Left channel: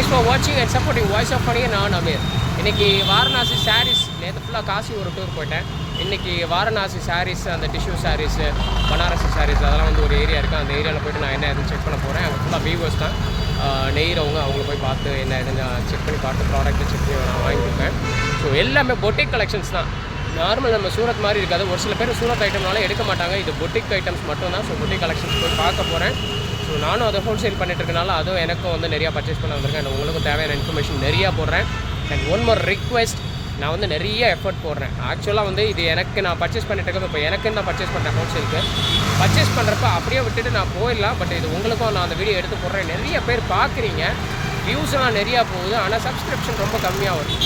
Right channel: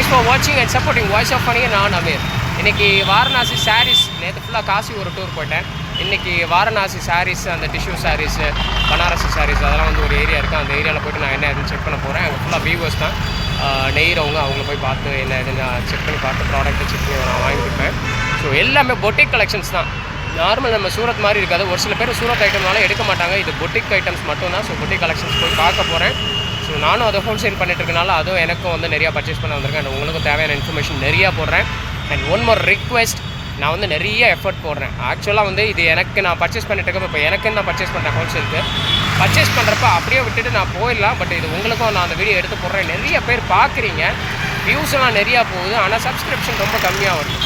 Thanks for வாட்சிங் and supporting voice of funny. நான் அமீர். இன்றைக்கி வாரணாசி சாரீஸ், நேற்று ஃபுல்லாக காசி ஒரு டூர் போயிட்டேன். இன்றைக்கி வாரணாசி சாரீஸ், அந்த டிஷ்யூ சாரீஸு, பனாரசி சாரீஸ் அதெல்லாம் வந்து ஒரு ஏரியா இருக்குது. அந்த ஏரியாவில் போய்ட்டு நான் என்ன எதுன்னு செக் பண்ண போகிறேன். அங்கே ஃபுல்லாக வியூவர்ஸ் தான் நெய்கிறவங்க. அவங்கள போய் பார்த்து என்ன எதுன்னு செக் பண்ணி பார்த்து ப்ராடக்ட்டை செக் பண்ணி நான் வாங்கிப்பேன். ஸோ எல்லாமே பொட்டிக் கலெக்ஷன்ஸ் தான். நார்மல் நம்ம சூரத் மாதிரி இருக்காது. ஒரு சில பேர் சூரத் ஐட்டம்னால எடுக்க மாட்டாங்க. இது பொட்டிக் ஐட்டம்ஸ் மட்டும் தான். ஸோ பொட்டிக் கலெக்ஷன்ஸ் போய் பார்க்க போகிறேன். ஸோ நானும் அதை ஹோல்சேல் பண்ணிட்டுருக்கனால அதுவும் எனக்கும் வந்து நிறையா பர்ச்சேஸ் பண்ண வந்திருக்கேன். அண்ட் உங்களுக்கும் தேவையான இன்ஃபர்மேஷன் நிறையா போடுறேன். அண்ட் ஒன் மோர் ரிக்வெஸ்ட், நான் வந்து நிறைய எஃபர்ட் போடுறேன். ஆக்சுவலாக வந்து இது எனக்கு நான் பர்ச்சேஸ் பண்ணிட்டு இப்போ எனக்குன்னு நான் பர்ச்சேஸ் பண்ணுறேன். ஹோல்சேலுக்கு பர்ச்சேஸ் பண்ணுறப்ப அப்படியே விட்டுட்டு நான் போயிடலாம். பட் இது உங்களுக்கும் நான் அந்த வீடியோ எடுத்து போடுறேன். நிறைய பேர் பார்க்குறீங்க, வியூஸ்லாம் நிறையா போகுது, ஆனால் சப்ஸ்கிரிப்ஷன் ரொம்ப கம்மியாக வருது.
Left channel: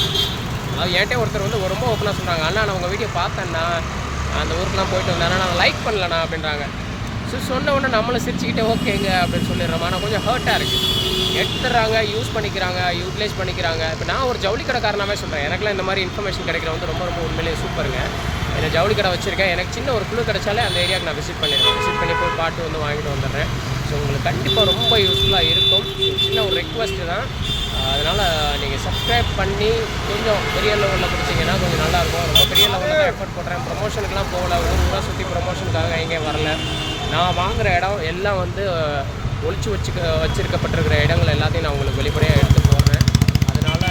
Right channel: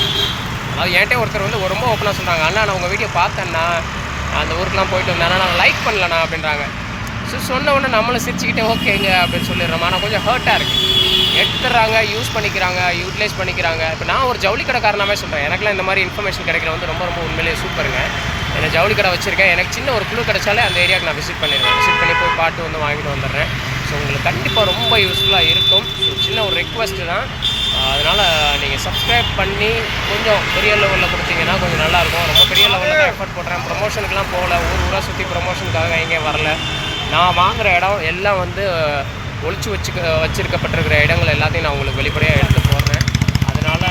அது என்கிட்ட ஒருத்தர் வந்து ரொம்ப ஓப்பனாக சொல்கிறாங்க, அண்ணா நான் உங்கள் வீடியோ பார்த்தேன்னா அந்த ஊருக்குலாம் போயிட்டு வந்தேன், ஆனால் நான் லைக் பண்ணலண்ணா அப்படின்றாங்க. ஸோ சொன்ன உடனே நம்மளும் சிரிச்சுக்கிட்டே ஓகேங்க அப்படின்னு சொல்லிடுறோம். ஆனால் கொஞ்சம் ஹர்ட்டாக இருக்குது. எடுத்துடுறாங்க, யூஸ் பண்ணிக்கிறாங்க, யூட்டிலைஸ் பண்ணிக்கிறாங்க. இப்போ நான் ஒரு ஜவுளி கடைக்காரனாவே சொல்கிறேன். எனக்குலாம் இந்த மாதிரி இன்ஃபர்மேஷன் கிடைக்கிற வந்து ரொம்ப ரொம்ப உண்மையிலேயே சூப்பருங்க. என்ன ஜவுளி கடை வச்சுருக்கேன். எனக்கு சின்ன ஒரு குழு கிடைச்சாலே அந்த ஏரியாவுக்கு நான் விசிட் பண்ணிடுவேன். விசிட் பண்ணி போய் பாட்டு வந்து வாங்கிட்டு வந்துடுறேன். ஸோ உங்களுக்கு கண்டிப்பாக ரொம்ப யூஸ்ஃபுல்லாக இருக்கும். சின்ன ஒரு ரெக்வஸ்ட்டு தான். அதனால் நீங்கள் சப்ஸ்கிரைப் பண்ணி கொஞ்சம் பெரிய லெவலில் கொடுத்தீங்கன்னா கொஞ்சம் நல்லாயிருக்கும். ரொம்ப பெரிய லெவலில் தான் எஃபர்ட் போடுறேன். ப்ரொமோஷனுக்குலாம் போகல, ஊராக சுற்றி ப்ரொமோஷனுக்காக எங்கேயும் வரல. நான் வாங்குகிற இடம் எல்லாம் வந்து ஒழிச்சு வச்சுருக்கப்பட்டிருக்கிற இடங்கள் எல்லாத்தையும் நான் உங்களுக்கு வெளிப்படையாக எடுத்து போடுறேன். அதனால்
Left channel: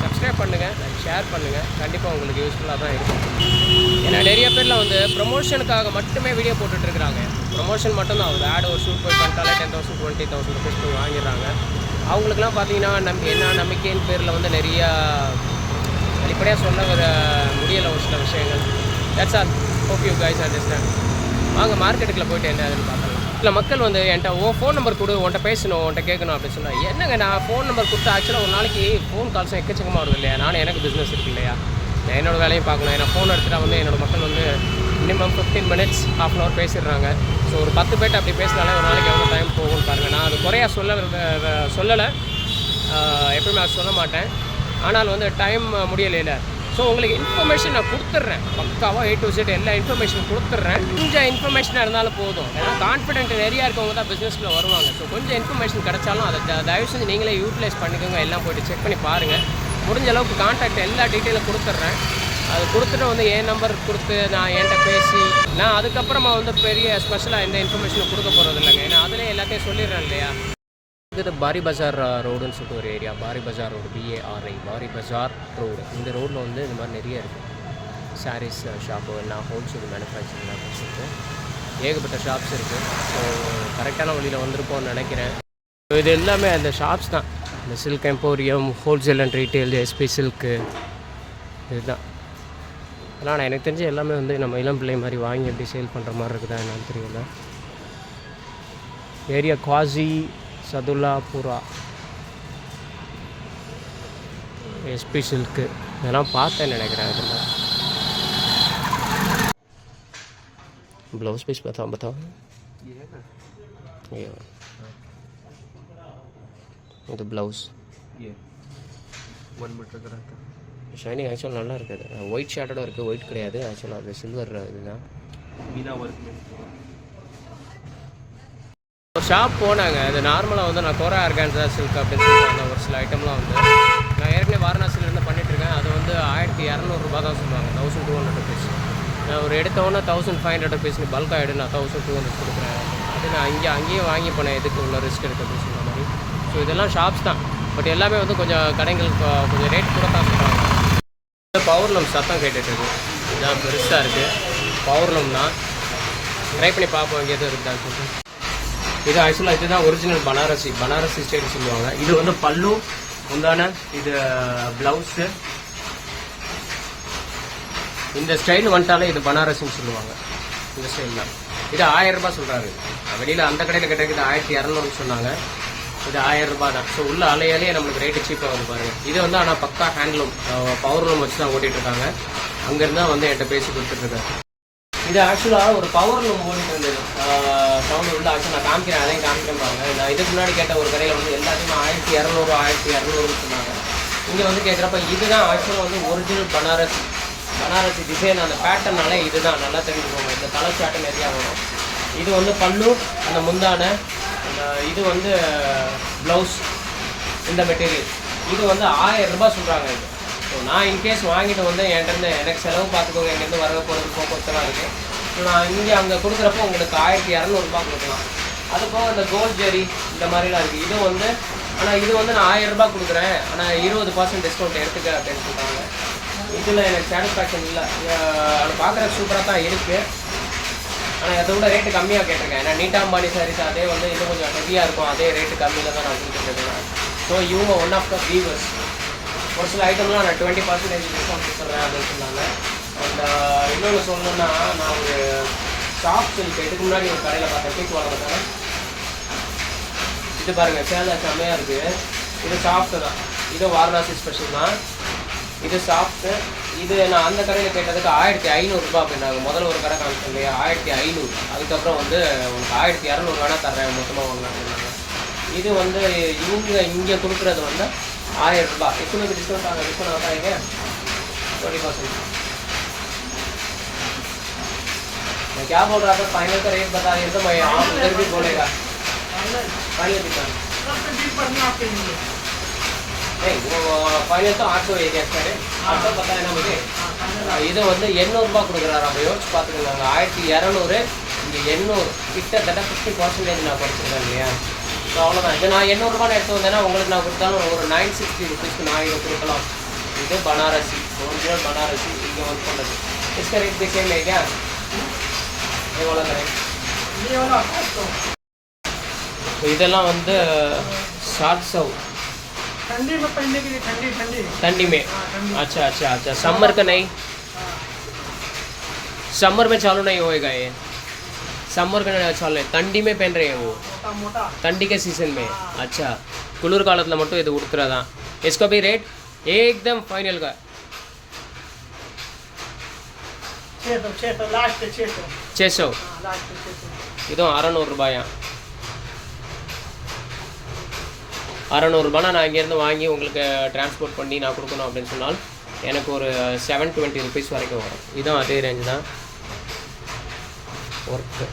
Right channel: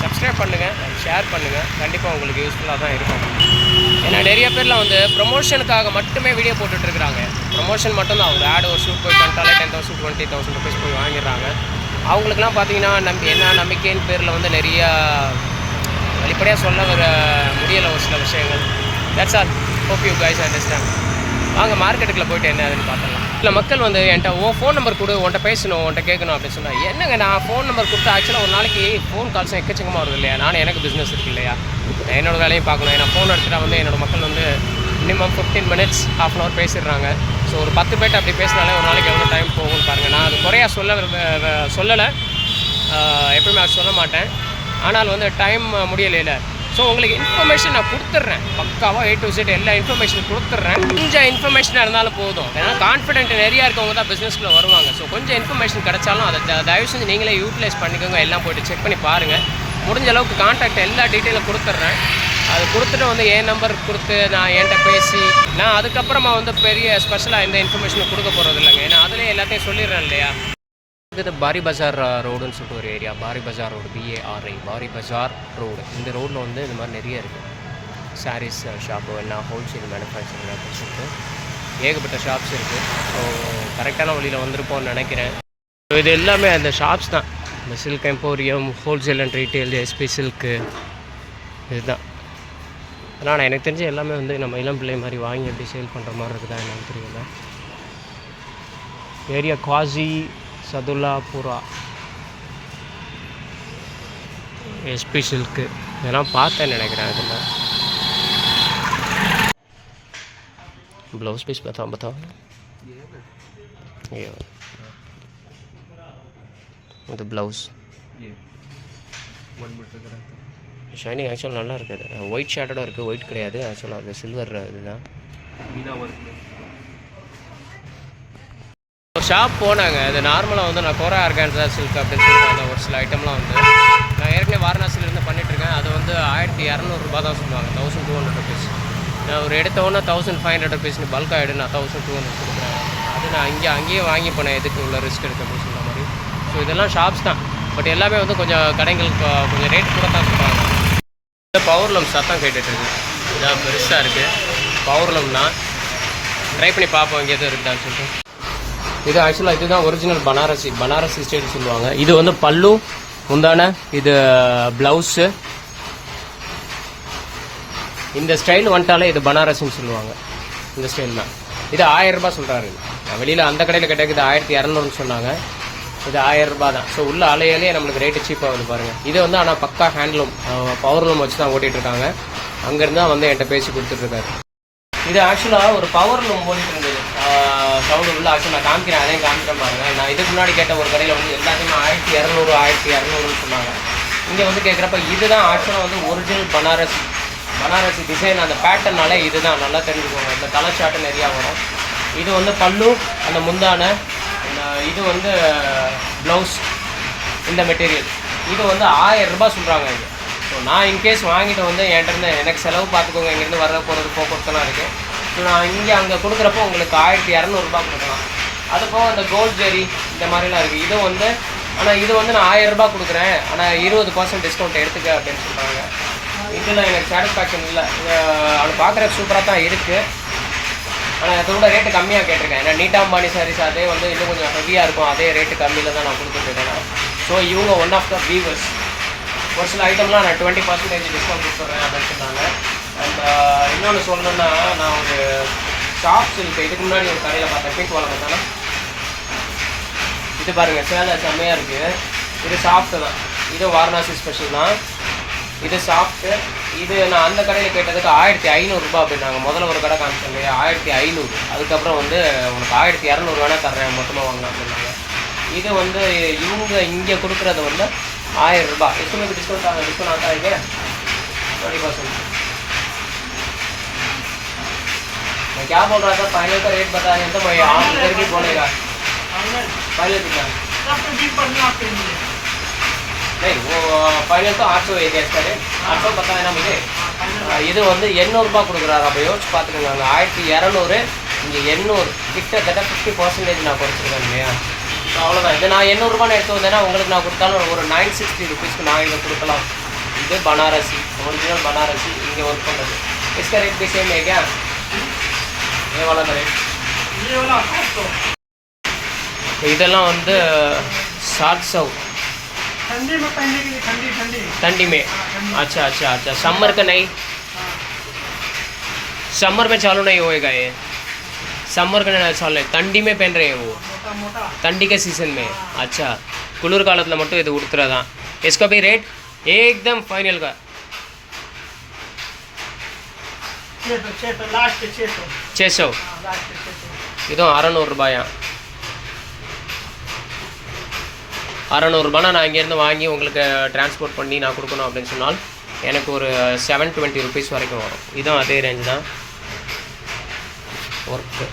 சப்ஸ்கிரைப் பண்ணுங்கள், ஷேர் பண்ணுங்கள். கண்டிப்பாக உங்களுக்கு யூஸ்ஃபுல்லாக தான் இருக்கும். ஏன்னா நிறைய பேரில் வந்து ப்ரொமோஷனுக்காக மட்டுமே வீடியோ போட்டுட்ருக்குறாங்க. ப்ரொமோஷன் மட்டும்தான். ஒரு ஆடு ஒரு ஷூட் போய் பண்ணிட்டாலே 10,000 20,000 ருபீஸ் போய் வாங்கிடுறாங்க. அவங்களுக்குலாம் பார்த்தீங்கன்னா என்ன நம்பிக்கையின் பேரில் வந்து நிறையா வெளிப்படையாக சொல்ல வர முடியலை ஒரு சில விஷயங்கள். That's all. Hope you guys understand. வாங்க மார்க்கெட்டுக்குள்ளே போய்ட்டு என்ன அதுன்னு பார்த்துடலாம். இல்லை மக்கள் வந்து என்கிட்ட ஃபோன் நம்பர் கொடு, உன்ட்ட பேசணும், உன்ட்ட கேட்கணும் அப்படின்னு சொன்னால், என்னங்க நான் ஃபோன் நம்பர் கொடுத்து ஆக்சுவலாக ஒரு நாளைக்கு ஃபோன் கால்ஸும் எக்கச்சக்கமாக வருது இல்லையா. நானும் எனக்கு பிஸ்னஸ் இருக்குது இல்லையா, நான் என்னோடய வேலையும் பார்க்கணும். ஏன்னா ஃபோன் எடுத்துகிட்டா வந்து என்னோடய மக்கள் வந்து மினிமம் 15 minutes ½ hour பேசிடுறாங்க. ஸோ ஒரு 10 பேர்ட்டு அப்படி பேசினாலே ஒரு நாளைக்கு எவ்வளோ டைம் போகும்னு பாருங்கள். நான் அது குறையா சொல்லலை, எப்பவுமே அது சொல்ல மாட்டேன். ஆனால் வந்து டைம் முடியலையில. ஸோ உங்களுக்கு இன்ஃபர்மேஷன் நான் கொடுத்துட்றேன். பக்காவாக A to Z எல்லா இன்ஃபர்மேஷன் கொடுத்துட்றேன். கொஞ்சம் இன்ஃபர்மேஷனாக இருந்தாலும் போதும். ஏன்னா கான்ஃபிடென்ட் நிறையா இருக்கவங்க தான் பிஸ்னஸ்க்குள்ளே வருவாங்க. ஸோ கொஞ்சம் இன்ஃபர்மேஷன் கிடச்சாலும் அதை தயவு செஞ்சு நீங்களே யூட்டிலைஸ் பண்ணிக்கோங்க. எல்லாம் போய்ட்டு செக் பண்ணி பாருங்கள். முடிஞ்ச அளவுக்கு கான்டாக்ட் எல்லா டீட்டெயிலும் கொடுத்துட்றேன். அது கொடுத்துட்டு வந்து என் நம்பர் கொடுத்து நான் என்கிட்ட பேசி நான் அதுக்கப்புறமா வந்து பெரிய ஸ்பெஷலாக எந்த இன்ஃபர்மேஷனும் கொடுக்க போகிறது இல்லைங்க. ஏன்னா அதிலே எல்லாத்தையும் சொல்லிடுறேன் இல்லையா. இது பாரி பஜார் ரோடுன்னு சொல்லிட்டு ஒரு ஏரியா. பாரி பஜார் ரோடு, BARI, பாரி பஜார் ரோடு. இந்த ரோட்டில் வந்து இந்த மாதிரி நிறைய இருக்குது. சாரீஸ் ஷாப்பு, எல்லாம் ஹோல்சேல் மேனுஃபேக்சரிங் ஷாப்ஸ் இருக்குது. ஏகப்பட்ட ஷாப்ஸ் இருக்குது. ஸோ கரெக்டான வழியில் வந்திருப்போம்னு நினைக்கிறேன். ஸோ இது எல்லாமே அந்த ஷாப்ஸ் தான். இந்த silk emporium, wholesale and retail, SP silk, இதுதான். ஆனால் எனக்கு தெரிஞ்ச எல்லாமே வந்து நம்ம இளம் பிள்ளை மாதிரி வாங்கி எப்படி சேல் பண்ணுற மாதிரி இருக்குதா என்னன்னு தெரியல. ஏரியா குவாசி சதுல்லாபுரா, SP சில்க்கு இதெல்லாம் பார்த்தேன்னு நினைக்கிறேன். இதில் ப்ளவுஸ் பீஸ் பார்த்தா இது ப்ளவுஸ் ஷைனிங் ஆக்சுவலாக நல்லா இருக்குது. ஒயிட் ஷேடோட இருக்குது, ஒயிட் கிடையாது. ஆக்சுவலாக அது சில்வர் இதுதான். ஒரு ஷாப் போனாங்க. அது நார்மலாக வந்து நான் கோரா ஆர்கான்ஸா சில்க் அப்படின்னு சொல்லிட்டு அந்த ஒரு சில ஐட்டம்லாம் வந்து நான் ஏற்கனவே வாரணாசியிலேருந்து பண்ணிகிட்ருக்கேன். அது வந்து 1200 ரூபா தான் சொல்லுவாங்க, 1200 ருபீஸ். நான் ஒரு எடுத்தோன்னே 1500 ருபீஸ் நீ பல்காக எடு, நான் 1200 கொடுக்குறேன். அது நான் அங்கேயே வாங்கி போனேன், எதுக்கு உள்ள ரிஸ்க் எடுத்து அப்படின்னு சொல்கிற மாதிரி. ஸோ இதெல்லாம் ஷாப்ஸ் தான். பட் எல்லாமே வந்து கொஞ்சம் கடைங்களுக்கு கொஞ்சம் ரேட் கூட தான் சொல்கிறாங்க. பவர்லூம் சத்தம் கேட்டுட்ருக்கு. இதான் பெருசாக இருக்குது. பவர்லூம் தான். ட்ரை பண்ணி பார்ப்போம் இங்கே எதுவும் இருக்குதான்னு சொல்லிட்டு. இது ஆக்சுவலாக இதுதான் ஒரிஜினல் பனாரசி ஸ்டைல் சொல்லுவாங்க. இது வந்து பல்லு முந்தான, இது ப்ளவுஸு. இந்த ஸ்டைல் வந்துட்டாலே இது பனாரசின்னு சொல்லுவாங்க. இந்த ஸ்டைல் தான். இது 1000 ரூபா சொல்கிறாரு. வெளியில் அந்த கடையில் கேட்டால் இது 1200 சொன்னாங்க. இது 1000 ரூபா தான். ஸோ உள்ள அலையாலேயே நம்மளுக்கு ரேட்டு சீப்பாக வந்து பாருங்கள். இது வந்து ஆனால் பக்கா ஹேண்ட்லூம், பவர்லூம் வச்சு தான் ஓட்டிகிட்ருக்காங்க. அங்கேருந்து தான் வந்து என்கிட்ட பேசி கொடுத்துட்ருக்காரு. இது ஆக்சுவலாக ஒரு பவர்லூம் ஓடிட்டு இருந்தது. சவுண்டு உள்ள ஆக்சுவலாக நான் காமிக்கிறேன், அதையும் காமிக்கிறேன் பாருங்கள். நான் இதுக்கு முன்னாடி கேட்ட ஒரு கடையில் வந்து எல்லாத்தையுமே 1200 சொன்னாங்க. இங்கே வந்து கேட்குறப்ப இதுதான் ஆக்சுவலாக வந்து ஒரிஜினல் பனாரசி டிசைன். அந்த பேட்டர்னாலே இதுதான் நல்லா தெரிஞ்சுக்கோங்க. இந்த கலர் சாட்டு நிறையா வரும். இது வந்து பல்லு, அந்த முந்தான, இது வந்து ப்ளவுஸ். இந்த மெட்டீரியல். இது வந்து 1000 ரூபாய் சொல்கிறாங்க இது. ஸோ நான் இன்கேஸ் வாங்கிட்டு வந்து என்கிட்ட எனக்கு செலவு பார்த்துக்கோங்க, இங்கேருந்து வர போகிறது போக்குவரத்துலாம் இருக்குது. ஸோ நான் இங்கே அங்கே கொடுக்குறப்போ உங்களுக்கு 1200 கொடுக்கலாம். அது போக இந்த கோல்ட் ஜெரி இந்த மாதிரிலாம் இருக்குது. இது வந்து ஆனால் இது வந்து நான் 1000 ரூபாய் கொடுக்குறேன், ஆனால் 20% டிஸ்கவுண்ட் எடுத்துக்க அப்படின்னு சொல்கிறாங்க. இதில் எனக்கு சாட்டிஸ்ஃபேக்ஷன் இல்லை. அது பார்க்குறதுக்கு சூப்பராக தான் இருக்குது, ஆனால் அதோட ரேட்டு கம்மியாக கேட்டிருக்கேன். ஏன்னா நீட்டாம்பானி சாரீஸ் அதே வந்து இன்னும் கொஞ்சம் ஹெவியாக இருக்கும், அதே ரேட்டு கம்மியில் தான் நான் கொடுத்துருக்கேன். ஸோ இவங்க ஒன் ஆஃப் த வீவர்ஸ். ஒரு சில ஐட்டம்லாம் நான் 20% டிஸ்கவுண்ட் கொடுத்துட்றேன் அப்படின்னு சொன்னாங்க. அண்ட் இன்னொன்று சொல்லணுன்னா, நான் ஒரு ஷாப் சில்க் இதுக்கு முன்னாடி ஒரு கடையில் பார்த்தேன், பிங்க் வாங்க பார்த்தாலும் இது பாருங்கள், சேலை செம்மையாக இருக்குது. இது சாஃப்ட்டு தான், இது வாரணாசி ஸ்பெஷல் தான். இது சாஃப்ட்டு. இது நான் அந்த கடையில் கேட்டதுக்கு 1500 ரூபாய் அப்படின்னாங்க. முதல்ல ஒரு கடை காமிச்சேன் இல்லையா, 1500. அதுக்கப்புறம் வந்து உங்களுக்கு 1200 வேணால் தர்றேன் மொத்தமாக வாங்க அப்படின்னாங்க. இது வந்து இவங்க இங்கே கொடுக்குறது வந்து 1000 ரூபாய். इसमें भी डिस्काउंट आता है क्या? 20%. मैं क्या बोल रहा था, फाइनल का रेट बताएं तो मैं आप इधर भी बोलेगा फाइनल कितना? नहीं, वो फाइनल तो 800 है इसका रेट. 800 बताया ना मुझे. இது வந்து 800 ரூபாய் கொடுக்குறாரு. அப்போ யோசிச்சு பார்த்துக்கோங்க, 1200 இங்கே 800 கிட்டத்தட்ட 50% நான் குறைச்சிருக்கேன் இல்லையா. ஸோ அவ்வளோதான். இது நான் 800 ரூபாய் எடுத்து வந்தேன்னா உங்களுக்கு நான் கொடுத்தாலும் ஒரு 960 रुपीஸ்க்கு நான் இதை கொடுக்கலாம். இது பனாரசி, ஒரிஜினல் பனாரசி, இங்கே ஒர்க் பண்ணுறது. इसका रेट भी सेम है क्या? ये वाला रेट. இதெல்லாம் வந்து 700 ठंडी में पहनने के लिए. ठंडी में. अच्छा. समर का नहीं, समर में चालू नहीं होएगा ये. समर का चालू नहीं, ठंडी में पहन रहे हैं वो, ठंडी के सीजन में. अच्छा, कुलूर कालத்தில் மட்டும் இது உடுத்துறதா. इसका भी रेट एकदम फाइनल का 600. இதுவும் 600 ரூபாயா. 600 ரூபானா நான் இங்கேருந்து வாங்கி உங்களுக்கு டிரான்ஸ்போர்ட் பண்ணி நான் கொடுக்கணும் அப்படின்னு சொன்னால் எனக்கு ஒரு 720 rupees வரைக்கும் வரும். இதுவும் அதே ரேஞ்சு தான் ஒர்க்கு.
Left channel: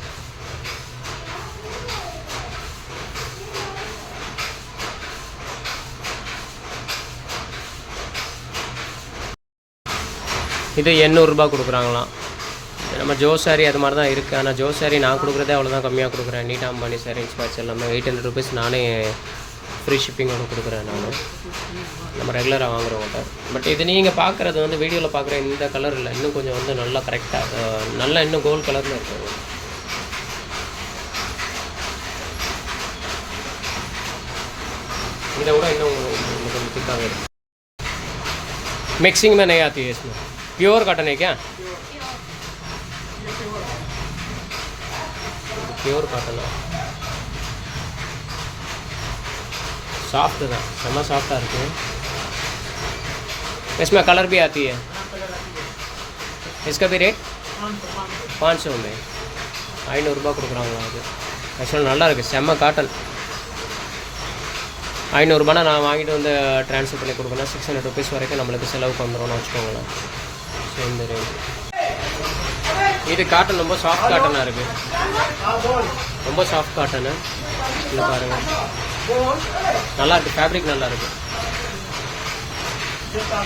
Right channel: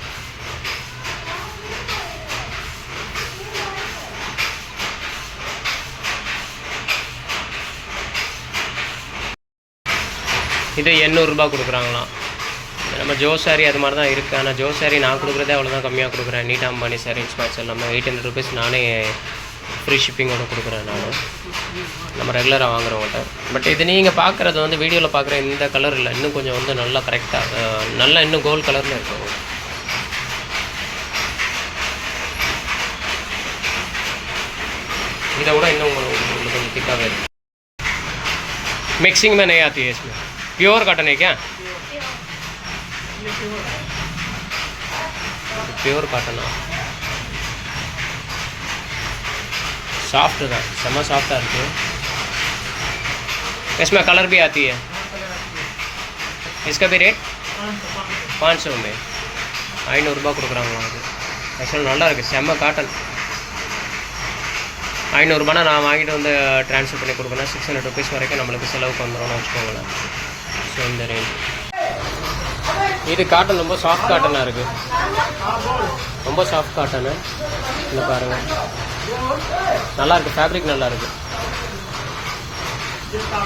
இது 800 ரூபாய் கொடுக்குறாங்களாம். நம்ம ஜோ சாரி அது மாதிரி தான் இருக்குது. ஆனால் ஜோ சாரி நான் கொடுக்குறதே அவ்வளோதான் கம்மியாக கொடுக்குறேன். நீட்டாம்பானி சாரி இன்ஸ்பாட்ஸ் எல்லாமே 800 rupees நானே ஃப்ரீ ஷிப்பிங்கோடு கொடுக்குறேன் நான், நம்ம ரெகுலராக வாங்குறவங்கள்ட்ட. பட் இது நீங்கள் பார்க்குறது வந்து வீடியோவில் பார்க்குற இந்த கலர் இல்லை, இன்னும் கொஞ்சம் வந்து நல்லா கரெக்டாக நல்லா இன்னும் கோல்டு கலரில் இருக்கும். இதை விட இன்னும் உங்களுக்கு கொஞ்சம் திக்காகவே இருக்குது. मिक्सिंग में नहीं आती है इसमें. प्योर कॉटन है क्या? प्योर कॉटन है, सॉफ्ट था, सेमा सॉफ्ट आती है. इसमें कलर भी आती है. इसका भी रेट 500 में 500 ரூபாய் கொடுக்குறாங்களா. அது ஆக்சுவலாக நல்லா இருக்குது, செம்ம காட்டன். 500 ரூபானா நான் வாங்கிட்டு வந்து ட்ரான்ஸ்ஃபர் பண்ணி கொடுக்கணும். 600 rupees வரைக்கும் நம்மளுக்கு செலவுக்கு வந்துடும்னு வச்சுக்கோங்களேன். ஸோ இந்த ரேஞ்சு. இது காட்டன் ரொம்ப சாஃப்ட் காட்டனாக இருக்குது, ரொம்ப சாஃப்ட் காட்டனு. இல்லை பாருங்கள், நல்லா இருக்குது, ஃபேப்ரிக் நல்லா இருக்குது.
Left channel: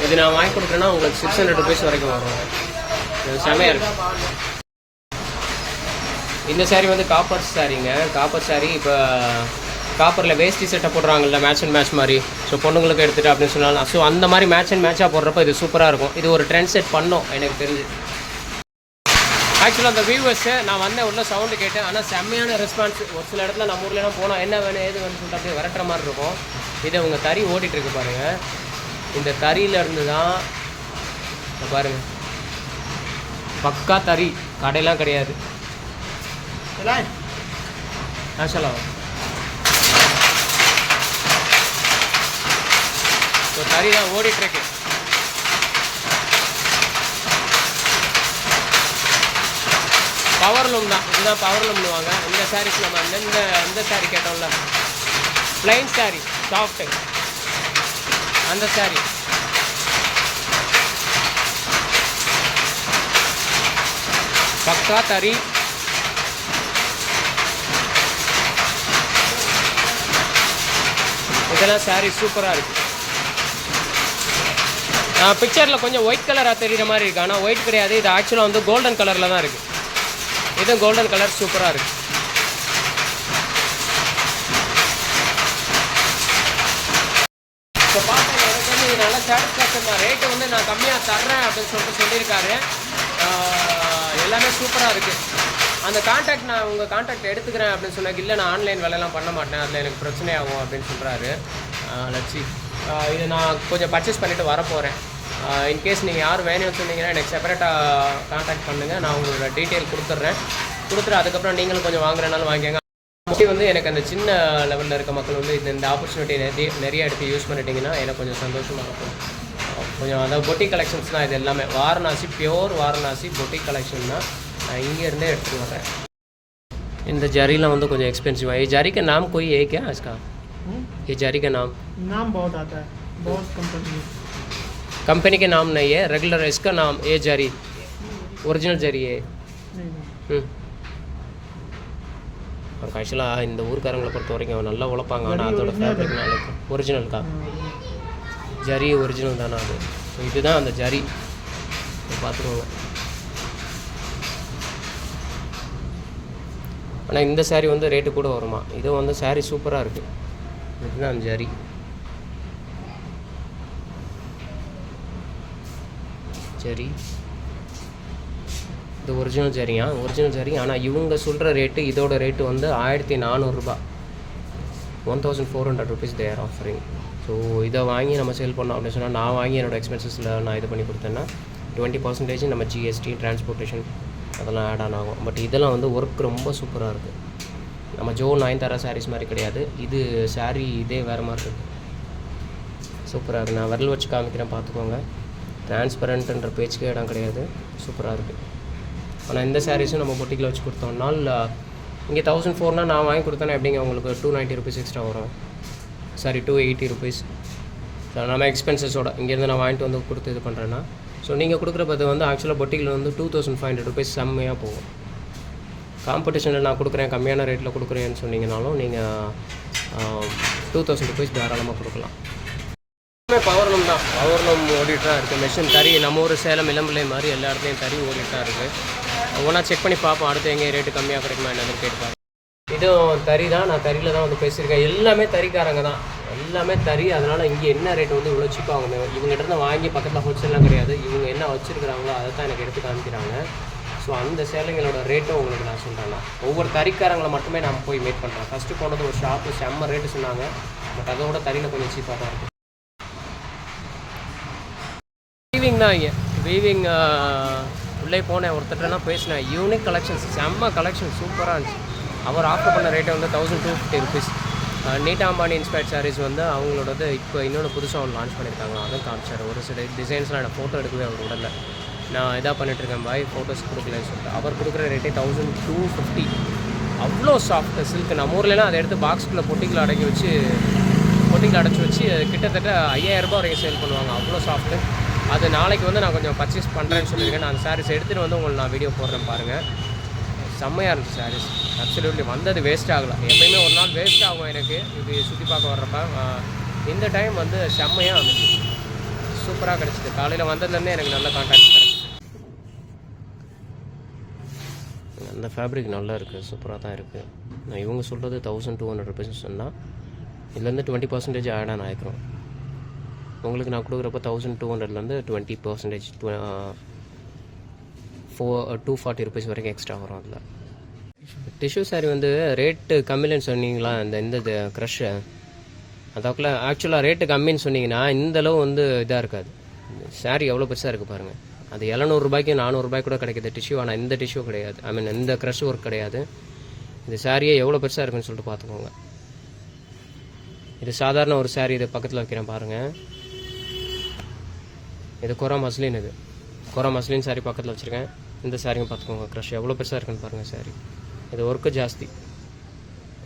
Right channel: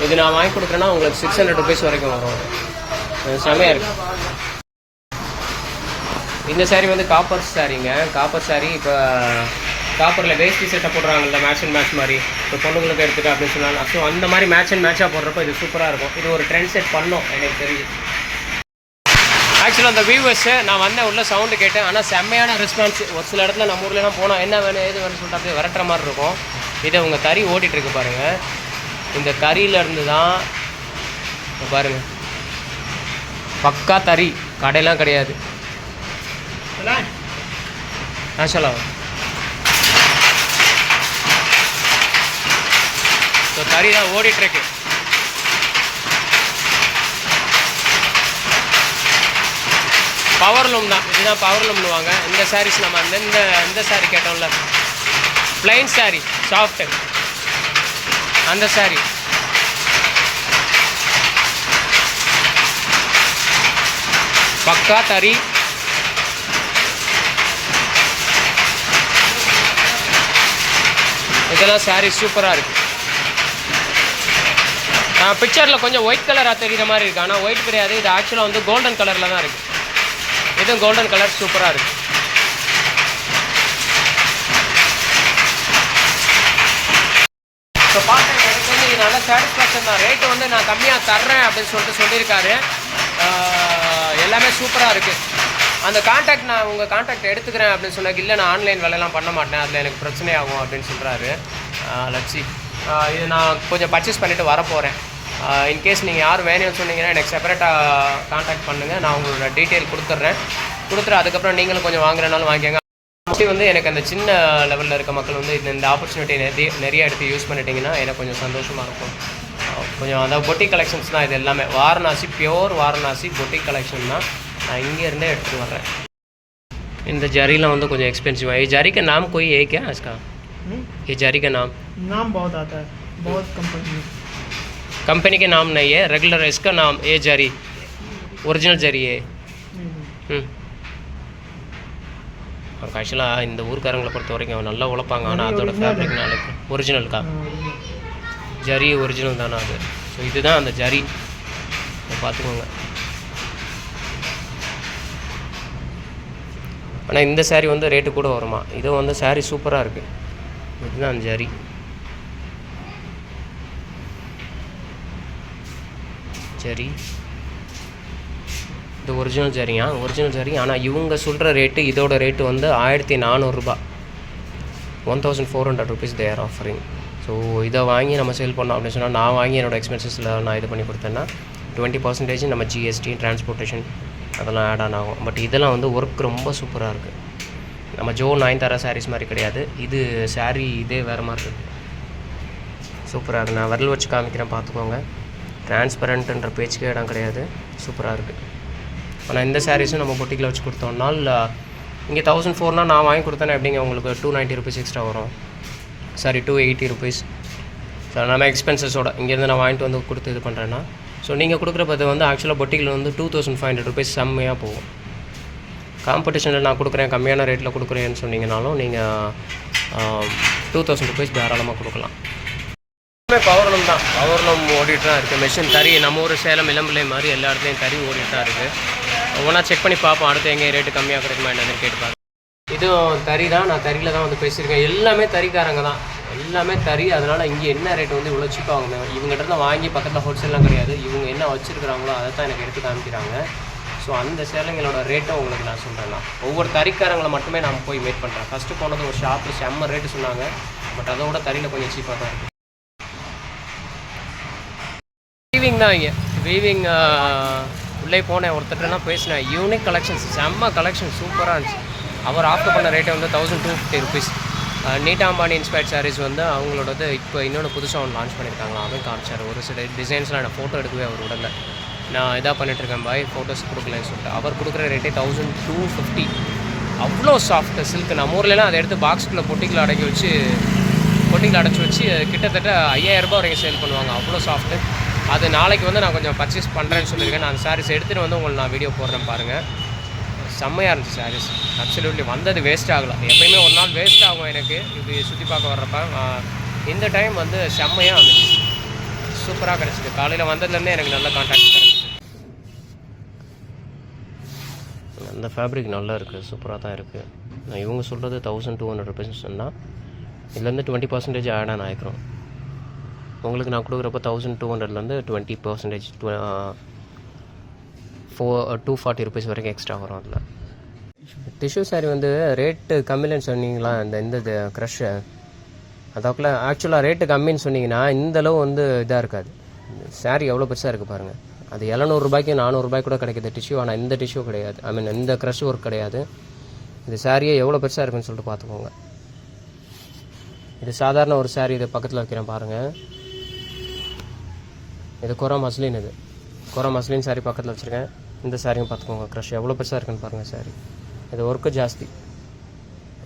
இது நான் வாங்கி கொடுக்குறேன்னா உங்களுக்கு 600 rupees வரைக்கும் வரும். செமையாக இருக்குது. இந்த சாரீ வந்து காப்பர் சாரீங்க. காப்பர் சாரீ இப்போ காப்பரில் வேஸ்டி செட்டை போடுறாங்கல்ல, மேட்ச் அண்ட் மேட்ச் மாதிரி. ஸோ பொண்ணுங்களுக்கு எடுத்துகிட்டு அப்படின்னு சொன்னாலும் ஸோ அந்த மாதிரி மேட்ச் அண்ட் மேட்சாக போடுறப்போ இது சூப்பராக இருக்கும். இது ஒரு ட்ரெண்ட் செட் பண்ணோம் எனக்கு தெரிஞ்சு. ஆக்சுவலாக அந்த வியூவர்ஸை நான் வந்தேன், உள்ள சவுண்டு கேட்டேன், ஆனால் செம்மையான ரெஸ்பான்ஸ். ஒரு சில இடத்துல நம்ம ஊர்லாம் போனால் என்ன வேணும் ஏது வேணும்னு சொல்லிட்டு அப்படியே விரட்டுற மாதிரி இருக்கும். இதை உங்கள் தறி ஓடிட்டுருக்கு பாருங்கள். இந்த தறியிலேருந்து தான் பாருங்கள், பக்கா தறி, கடையெல்லாம் கிடையாது. சொல்லலாம். ஸோ தறி தான் ஓடிட்டுருக்கு. பவர் லூம் தான், இதுதான் பவர் லூம்னுவாங்க. இந்த சாரீஸ் நம்ம இந்த சாரீ கேட்டோம்ல, பிளைன் சாரீ சாஃப்ட்டு, அந்த சாரீ பக்கா தறி. இதெல்லாம் சாரீ சூப்பராக இருக்குது. பிக்சரில் கொஞ்சம் ஒயிட் கலராக தெரிகிற மாதிரி இருக்குது, ஆனால் ஒயிட் கிடையாது. இது ஆக்சுவலாக வந்து கோல்டன் கலரில் தான் இருக்குது. இதுவும் கோல்டன் கலர் சூப்பராக இருக்குது. ஸோ பார்த்தேன், எனக்கு வந்து இது நல்ல சாட்டிஸ்ஃபேக்ஷன் தான். ரேட்டு வந்து நான் கம்மியாக தர்றேன் அப்படின்னு சொல்லியிருக்காரு. எல்லாமே சூப்பராக இருக்குது. அந்த கான்டாக்ட் நான் உங்கள் கான்டாக்ட் எடுத்துக்கிறேன் அப்படின்னு சொன்னாங்க. இல்லை நான் ஆன்லைன் வேலையெல்லாம் பண்ண மாட்டேன், அதில் எனக்கு பிரச்சனையாகும் அப்படின்னு சொல்கிறாரு. லட்சி இது நான் கொஞ்சம் பர்ச்சேஸ் பண்ணிவிட்டு வரப்போகிறேன். இன்கேஸ் நீங்கள் யாரும் வேணும்னு சொன்னீங்கன்னா எனக்கு செப்பரேட்டாக கான்டாக்ட் பண்ணுங்கள். நான் உங்களோட டீட்டெயில் கொடுத்துட்டு அதுக்கப்புறம் நீங்களும் கொஞ்சம் வாங்குறனாலும் வாங்கிக்கோங்க. மோஸ்ட்லி வந்து எனக்கு அந்த சின்ன லெவலில் இருக்க மக்கள் வந்து இந்த ஆப்பர்ச்சுனிட்டி நிறைய எடுத்து யூஸ் பண்ணிட்டீங்கன்னா எனக்கு கொஞ்சம் சந்தோஷமாக இருக்கும். கொஞ்சம் அதாவது பொட்டிக் கலெக்ஷன்ஸ் தான் இது எல்லாமே. Varanasi pure Varanasi boutique collection தான். நான் இங்கேருந்தே எடுத்துகிட்டு வரேன். இந்த ஜरीலாம் வந்து கொஞ்சம் एक्सपेंसिव है. ये जरी का नाम कोई है क्या इसका? ये जरी का नाम बहुत आता है, बहुत कंपनी के नाम नहीं है, रेगुलर इसका नाम ये जरी ओरिजिनल जरी है. और ஆக்சுவலாக இந்த ஊருக்காரங்களை பொறுத்த வரைக்கும் அவன் நல்லா உழைப்பாங்க. ஆனால் அதோட ஃபேப்ரிக் நாளைக்கு ஒரிஜினல்க்கா ஜரி ஒரிஜினல் தானே அது. ஸோ இதுதான் அந்த ஜரி, பார்த்துக்கோங்க. ஆனால் இந்த சாரீ வந்து ரேட்டு கூட வருமா. இது வந்து சாரீ சூப்பராக இருக்குது. இதுதான் அந்த ஜரி. ஜரி இது ஒரிஜினல் ஜரியா, ஒரிஜினல் ஜரி. ஆனால் இவங்க சொல்கிற ரேட்டு, இதோட ரேட்டு வந்து 1400 ரூபா, 1400 rupees they are offering. So இதை வாங்கி நம்ம சேல் பண்ணோம் அப்படின்னு சொன்னால், நான் வாங்கி என்னோடய எக்ஸ்பென்சஸில் நான் இது பண்ணி கொடுத்தேன்னா 20% நம்ம ஜிஎஸ்டி டிரான்ஸ்போர்ட்டேஷன் அதெல்லாம் ஆட் ஆன் ஆகும். பட் இதெல்லாம் வந்து ஒர்க் ரொம்ப சூப்பராக இருக்குது. நம்ம ஜோ நயன்தாரா சாரீஸ் மாதிரி கிடையாது. இது சாரீ இதே வேறு மாதிரி இருக்குது. சூப்பராக இருக்குது. நான் விரல் வச்சு காமிக்கிறேன், பார்த்துக்கோங்க. டிரான்ஸ்பரண்ட்டுன்ற பேச்சுக்கே இடம் கிடையாது. சூப்பராக இருக்குது. ஆனால் இந்த சாரீஸும் நம்ம பொட்டிக்கில் வச்சு கொடுத்தோம்னால் இங்கே 1400 நான் வாங்கி கொடுத்தேன்னா எப்படிங்க உங்களுக்கு 290 rupees எக்ஸ்ட்ரா வரும். Sorry 280 rupees. ஸோ நம்ம எக்ஸ்பென்சஸோட இங்கேருந்து நான் வாங்கிட்டு வந்து கொடுத்து இது பண்ணுறேன்னா, ஸோ நீங்கள் கொடுக்குறப்பது வந்து ஆக்சுவலாக பொட்டிக்கில் வந்து 2500 rupees செம்மையாக போகும். காம்படிஷனில் நான் கொடுக்குறேன், கம்மியான ரேட்டில் கொடுக்குறேன்னு சொன்னீங்கனாலும் நீங்கள் 2000 rupees தாராளமாக கொடுக்கலாம். பவர்லூம் தான், பவர்லூம் ஓடிட்டு தான் இருக்குது. மெஷின் தறி நம்ம ஊர் சேலம் இளம்பிள்ளை மாதிரி எல்லா இடத்துலையும் தறி ஓடிட்டு தான் இருக்குது. ஒவ்வொன்றா செக் பண்ணி பார்ப்போம், அடுத்து எங்கே ரேட்டு கம்மியாக கிடைக்குமா என்னன்னு கேட்டு பார்ப்பேன். இதுவும் தறி தான், நான் தறியில் தான் வந்து பேசியிருக்கேன். எல்லாமே தறிக்காரங்க தான், எல்லாமே தறி. அதனால் இங்கே என்ன ரேட்டு வந்து இவ்வளோ சீப்பாக வாங்க, இவங்ககிட்ட தான் வாங்கி பக்கத்தில் ஹோல்சேல்லாம் கிடையாது. இவங்க என்ன வச்சுருக்குறாங்களோ அதை தான் எனக்கு எடுத்து காமிக்கிறாங்க. ஸோ அந்த சேலைங்களோட ரேட்டும் உங்களுக்கு நான் சொல்கிறேன்னா, ஒவ்வொரு தறிக்காரங்களை மட்டுமே நான் போய் மீட் பண்ணுறேன். ஃபஸ்ட்டு போனது ஒரு ஷாப்பில் செம்ம ரேட்டு சொன்னாங்க, பட் அதோட தறியில் கொஞ்சம் சீப்பாக தான் இருக்குது. வீவிங் தான் இங்கே வீவிங். உள்ளே போனேன், ஒருத்தட்டெல்லாம் பேசினேன். யூனிக் கலெக்ஷன்ஸ், செம்ம கலெக்ஷன் சூப்பராக இருந்துச்சு. அவர் ஆஃபர் பண்ண ரேட்டை வந்து 1250 rupees. நீட்டா அம்பானி இன்ஸ்பயர்ட் சாரீஸ் வந்து அவங்களோடது இப்போ இன்னொன்று புதுசாக ஒன்று லான்ச் பண்ணியிருக்காங்களா, அதுவும் காமிச்சார். ஒரு சில டிசைன்ஸ்லாம் நான் ஃபோட்டோ எடுக்கவே அவர் உடனே நான் இதாக பண்ணிட்டுருக்கேன், பாய் ஃபோட்டோஸ் கொடுக்கலன்னு சொல்லிட்டு. அவர் கொடுக்குற ரேட்டே 1250. அவ்வளோ சாஃப்ட் சில்க். நம்ம ஊர்லலாம் அதை எடுத்து பாக்ஸ்குள்ளே பொட்டிக்கில் அடைச்சி வச்சு கிட்டத்தட்ட 5000 ரூபாய் வரைக்கும் சேல் பண்ணுவாங்க. அவ்வளோ சாஃப்ட்டு. அது நாளைக்கு வந்து நான் கொஞ்சம் பர்ச்சேஸ் பண்ணுறேன்னு சொல்லியிருக்கேன். நான் அந்த சாரீஸ் எடுத்துகிட்டு வந்து உங்களுக்கு நான் வீடியோ போடுறேன் பாருங்கள். செம்மையாக இருந்துச்சு சாரீஸ். அப்சல்யூட்லி வந்தது வேஸ்ட் ஆகலை. எப்போயுமே ஒரு நாள் வேஸ்ட் ஆகும் எனக்கு இது சுற்றி பார்க்க வர்றப்ப. இந்த டைம் வந்து செம்மையாக இருந்துச்சு, சூப்பராக கிடச்சிது. காலையில் வந்ததுலேருந்தே எனக்கு நல்ல கான்டாக்ட் கிடச்சிது. அந்த ஃபேப்ரிக் நல்லா இருக்குது, சூப்பராக தான் இருக்குது. நான் இவங்க சொல்கிறது 1200 rupees சொன்னால் இதுலேருந்து 20% ஆட் ஆன் ஆகிக்கிறோம். உங்களுக்கு நான் கொடுக்குறப்ப 1200லேருந்து 20% 240 rupees வரைக்கும் எக்ஸ்ட்ரா வரும். அதில் டிஷ்யூ சாரீ வந்து ரேட்டு கம்மின்னு சொன்னீங்களா, இந்த க்ரஷ்ஷு அதுக்குள்ள ஆக்சுவலாக ரேட்டு கம்மின்னு சொன்னீங்கன்னா இந்தளவு வந்து இதாக இருக்காது. சாரீ எவ்வளோ பெருசாக இருக்குது பாருங்கள். அது 700 ரூபாய்க்கு 400 ரூபாய் கூட கிடைக்கிது டிஷ்யூ. ஆனால் இந்த டிஷ்யூ கிடையாது, ஐ மீன் இந்த க்ரஷ் ஒர்க் கிடையாது. இந்த சாரியே எவ்வளோ பெருசாக இருக்குன்னு சொல்லிட்டு பார்த்துக்கோங்க. இது சாதாரண ஒரு சாரீ. இது பக்கத்தில் வைக்கிறேன் பாருங்கள். இது கொரா மஸ்லின். இது கொரா மஸ்லின் சாரீ பக்கத்தில் வச்சுருக்கேன். இந்த சாரியும் பார்த்துக்கோங்க, க்ரஷ் எவ்வளோ பெருசாக இருக்குன்னு பாருங்கள் சாரீ. இது ஒர்க்கு ஜாஸ்தி.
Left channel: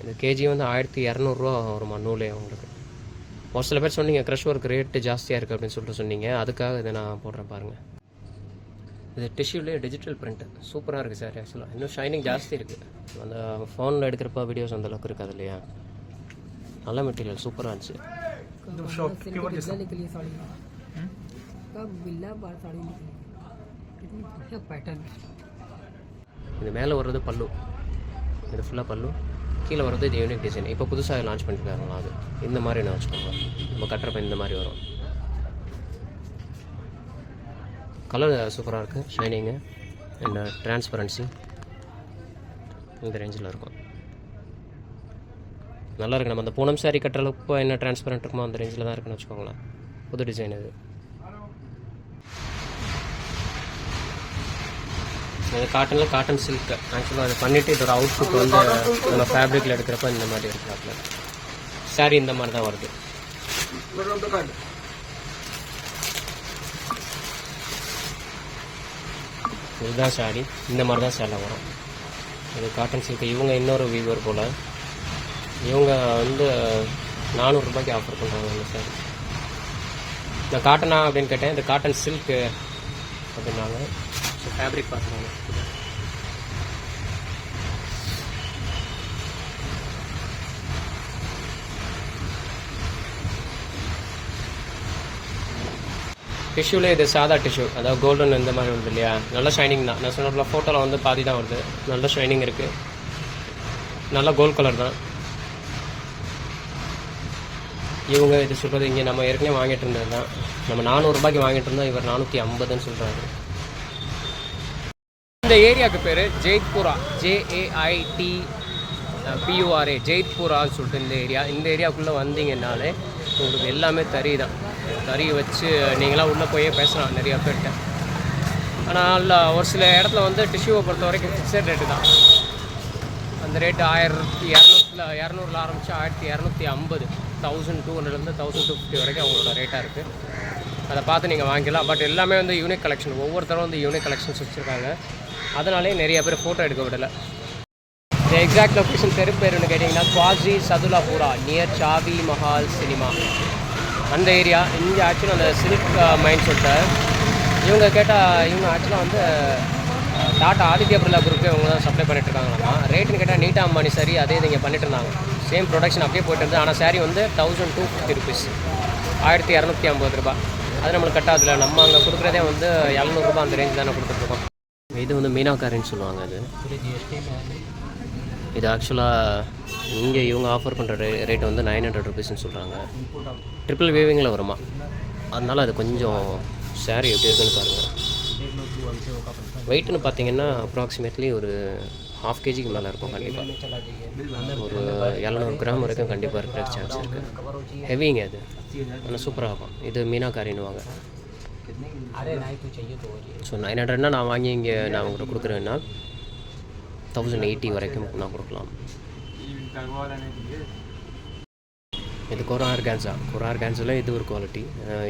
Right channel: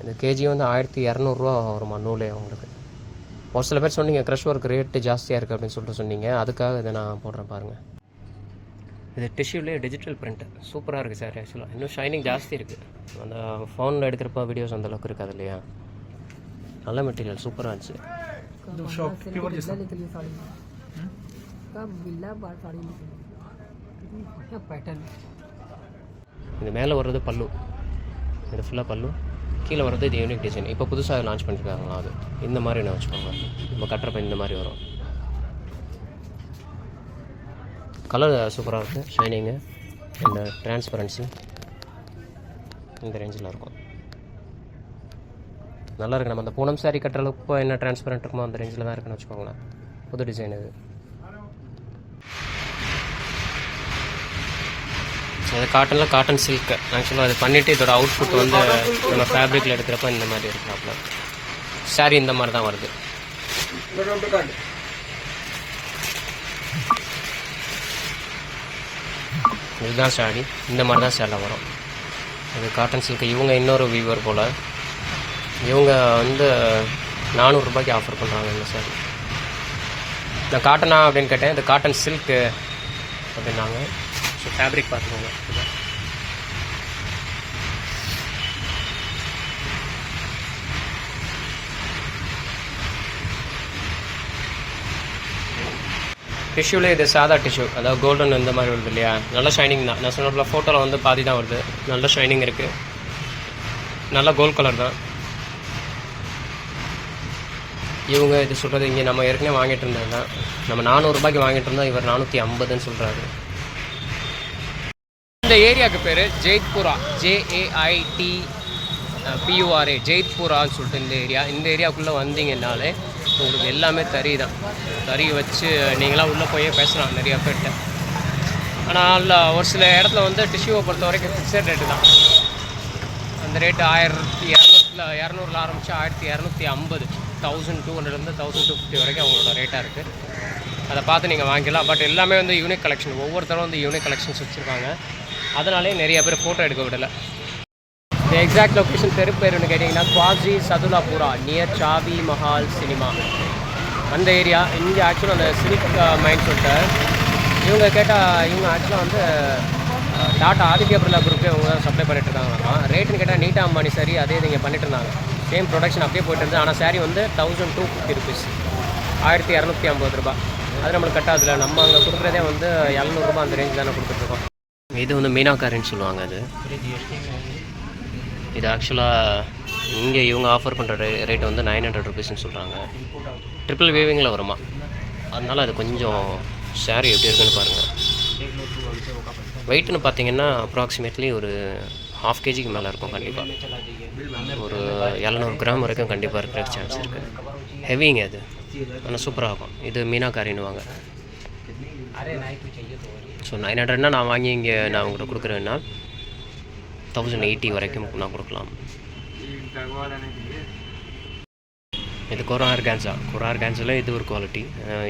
இந்த கேஜி வந்து 1200 ரூபா வருமா நூலே உங்களுக்கு. ஒரு சில பேர் சொன்னீங்க க்ரஷ் ஒர்க் ரேட்டு ஜாஸ்தியாக இருக்குது அப்படின்னு சொல்லிட்டு சொன்னீங்க, அதுக்காக இதை நான் போடுறேன் பாருங்கள். இது டிஷ்யூலேயே டிஜிட்டல் பிரிண்ட்டு சூப்பராக இருக்குது சார். ஆக்சுவலாக இன்னும் ஷைனிங் ஜாஸ்தி இருக்குது. அந்த ஃபோனில் எடுக்கிறப்ப வீடியோஸ் அந்தளவுக்கு இருக்காது இல்லையா. நல்ல மெட்டீரியல் சூப்பராக இருந்துச்சு. இது மேலே வர்றது பல்லு, இது ஃபுல்லாக பல்லு, கீழே வர்றது இது யூனிக் டிசைன். இப்போ புதுசாக லான்ச் பண்ணிருக்காங்களா அது இந்த மாதிரி என்ன வச்சுக்கோங்க. நம்ம கட்டுறப்ப இந்த மாதிரி வரும். கலர் சூப்பராக இருக்குது, ஷைனிங்கு இந்த டிரான்ஸ்பரன்சி இந்த ரேஞ்சில் இருக்கும். நல்லா இருக்கு. நம்ம அந்த பூனம் சாரி கட்டுற அளவுக்கு என்ன டிரான்ஸ்பரண்ட் இருக்குமோ அந்த ரேஞ்சில் தான் இருக்குன்னு வச்சுக்கோங்களேன். புது டிசைன் இது. இது காட்டனில் காட்டன் சில்க். ஆக்சுவலாக அது பண்ணிவிட்டு இதோட அவுட்புட் வந்து நம்ம ஃபேப்ரிக்கில் எடுக்கிறப்ப இந்த மாதிரி இருக்கிறாப்புல. சாரி இந்த மாதிரி தான் வருது. இதுதான் சாரி, இந்த மாதிரி தான் சேலை வரும். இது காட்டன் சில்க். இவங்க இன்னொரு வீவர் போல், இவங்க வந்து 400 ரூபாய்க்கு ஆஃபர் பண்ணுறாங்க இந்த சாரி. நான் காட்டனா அப்படின்னு கேட்டேன், இது காட்டன் சில்க்கு அப்படின்னாங்க. ஸோ ஃபேப்ரிக் பார்த்துக்கோங்க. டிஷ்யூவில் இது சாதா டிஷ்யூ, அதாவது கோல்டன் இந்த மாதிரி வருது இல்லையா, நல்ல ஷைனிங் தான். நான் சொன்ன ஃபோட்டோவில் வந்து பாதி தான் வருது. நல்ல ஷைனிங் இருக்குது, நல்ல கோல்ட் கலர் தான். இவங்க இது சொல்கிறது இங்கே நம்ம ஏற்கனவே வாங்கிட்டு இருந்தது தான். நம்ம 400 ரூபாய்க்கு வாங்கிட்டு இருந்தோம், இவர் 450ன்னு சொல்கிறாரு. இந்த ஏரியாவுக்கு பேர் ஜெய்த்புரா, JAITPURA, ஜெய்த்புரான்னு சொல்லிட்டு இந்த ஏரியா. இந்த ஏரியாவுக்குள்ளே வந்தீங்கன்னாலே உங்களுக்கு எல்லாமே தறி தான். தறி வச்சு நீங்களாம் உள்ளே போய் பேசலாம் நிறையா பேர்கிட்ட. ஆனால் ஒரு சில இடத்துல வந்து டிஷ்யூவை பொறுத்த வரைக்கும் ஃபிக்ஸட் ரேட்டு தான். அந்த ரேட்டு 1200 ஆரம்பித்து 1250, 1200 1250 வரைக்கும் அவங்களோட ரேட்டாக இருக்குது. அதை பார்த்து நீங்கள் வாங்கிக்கலாம். பட் எல்லாமே வந்து யூனிக் கலெக்ஷன், ஒவ்வொருத்தரும் வந்து யூனிக் கலெக்ஷன்ஸ் வச்சுருக்காங்க. அதனாலே நிறைய பேர் ஃபோட்டோ எடுக்க விடலை. இந்த எக்ஸாக்ட் லொக்கேஷன் தெரு பேருன்னு கேட்டிங்கன்னா குவாசி சதுலாபுரா, நியர் சாவி மஹால் சினிமா அந்த ஏரியா. இங்கே ஆக்சுவலாக அந்த சில்க் மைண்ட் சொல்லிட்டு இவங்க கேட்டால், இவங்க ஆக்சுவலாக வந்து டாட்டா ஆதித்யா பிர்லா குரூப்பே அவங்க தான் சப்ளை பண்ணிட்டுருக்காங்களாமா. ரேட்டுன்னு கேட்டால் நீட்டா அம்பானி சாரி அதே இங்கே பண்ணிட்டு இருந்தாங்க. சேம் ப்ரொடக்ஷன் அப்படியே போயிட்டு இருந்தது. ஆனால் சாரி வந்து 1250 ருபீஸ், 1250 ரூபா. அது நம்மளுக்கு கட்டாதில்ல. நம்ம அங்கே கொடுக்குறதே வந்து 700 ரூபா அந்த ரேஞ்ச் தானே கொடுத்துட்ருக்கோம். இது வந்து மீனாக்காரின்னு சொல்லுவாங்க. இது ஆக்சுவலாக இங்கே இவங்க ஆஃபர் பண்ணுற ரேட் வந்து 900 ருபீஸ்ன்னு சொல்கிறாங்க. ட்ரிபிள் வேவிங்கில் வருமா, அதனால் அது கொஞ்சம் சாரி எப்படி இருக்குன்னு பாருங்கள். வெயிட்னு பார்த்தீங்கன்னா அப்ராக்சிமேட்லி ஒரு 1/2 kgக்கு மேலே இருக்கும் கண்டிப்பாக. ஒரு 700 கிராம் வரைக்கும் கண்டிப்பாக இருக்கிற சான்ஸ் இருக்குது. ஹெவிங்க அது, ஆனால் சூப்பராக இருக்கும். இது மீனாக்காரின்னுவாங்க. ஸோ 900னா நான் வாங்கி இங்கே நான் உங்கள்கிட்ட கொடுக்குறேன்னா 1080 வரைக்கும் நான் கொடுக்கலாம். இது கொரா ஆர்கான்ஸில் இது ஒரு குவாலிட்டி.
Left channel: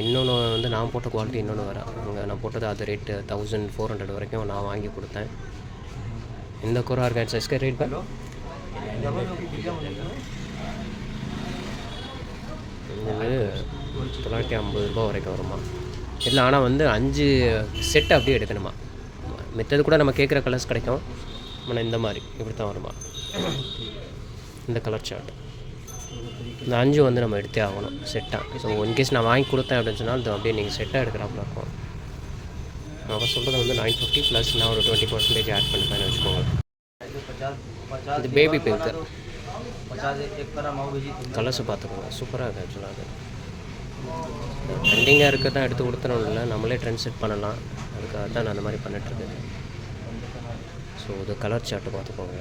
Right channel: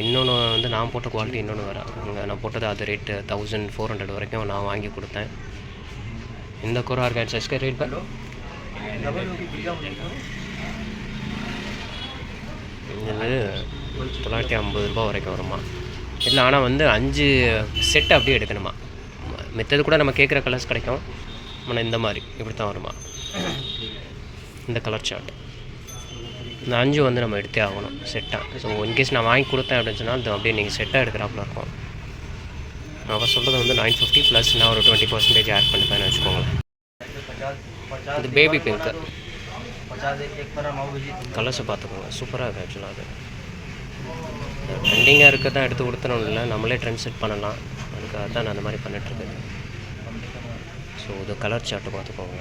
இன்னொன்று வந்து நான் போட்ட குவாலிட்டி இன்னொன்று வர அங்கே நான் போட்டது அது ரேட்டு 1400 வரைக்கும் நான் வாங்கி கொடுத்தேன். இந்த கொரா ஆர்கான்ஸஸ்க்கு ரேட் இது 950 ரூபா வரைக்கும் வருமா இல்லை. ஆனால் வந்து 5 செட்டு அப்படியே எடுக்கணுமா. மித்தது கூட நம்ம கேட்குற கலர்ஸ் கிடைக்கும். ஆனால் இந்த மாதிரி இப்படி தான் வருமா இந்த கலர் சார்ட். இந்த 5 வந்து நம்ம எடுத்தே ஆகணும் செட்டாக. ஸோ இன்கேஸ் நான் வாங்கி கொடுத்தேன் அப்படின்னு சொன்னால் அது அப்படியே நீங்கள் செட்டாக எடுக்கிறாப்புல இருக்கும். அவர் சொல்கிறது வந்து 950 ப்ளஸ் நான் ஒரு 20% ஆட் பண்ணிப்பேன்னு வச்சுக்கோங்களேன். இது பேபி பிங்க்கு கலர்ஸை பார்த்துக்கோங்க, சூப்பராக இருக்குது. ஆக்சுவலாக அது ட்ரெண்டிங்காக இருக்க தான் எடுத்து கொடுத்துறோம் இல்லை, நம்மளே ட்ரெண்ட் செட் பண்ணலாம். அதுக்காக தான் நான் அந்த மாதிரி பண்ணிட்டுருக்கேன். ஸோ இது கலர் சார்ட்டு பார்த்துக்கோங்க.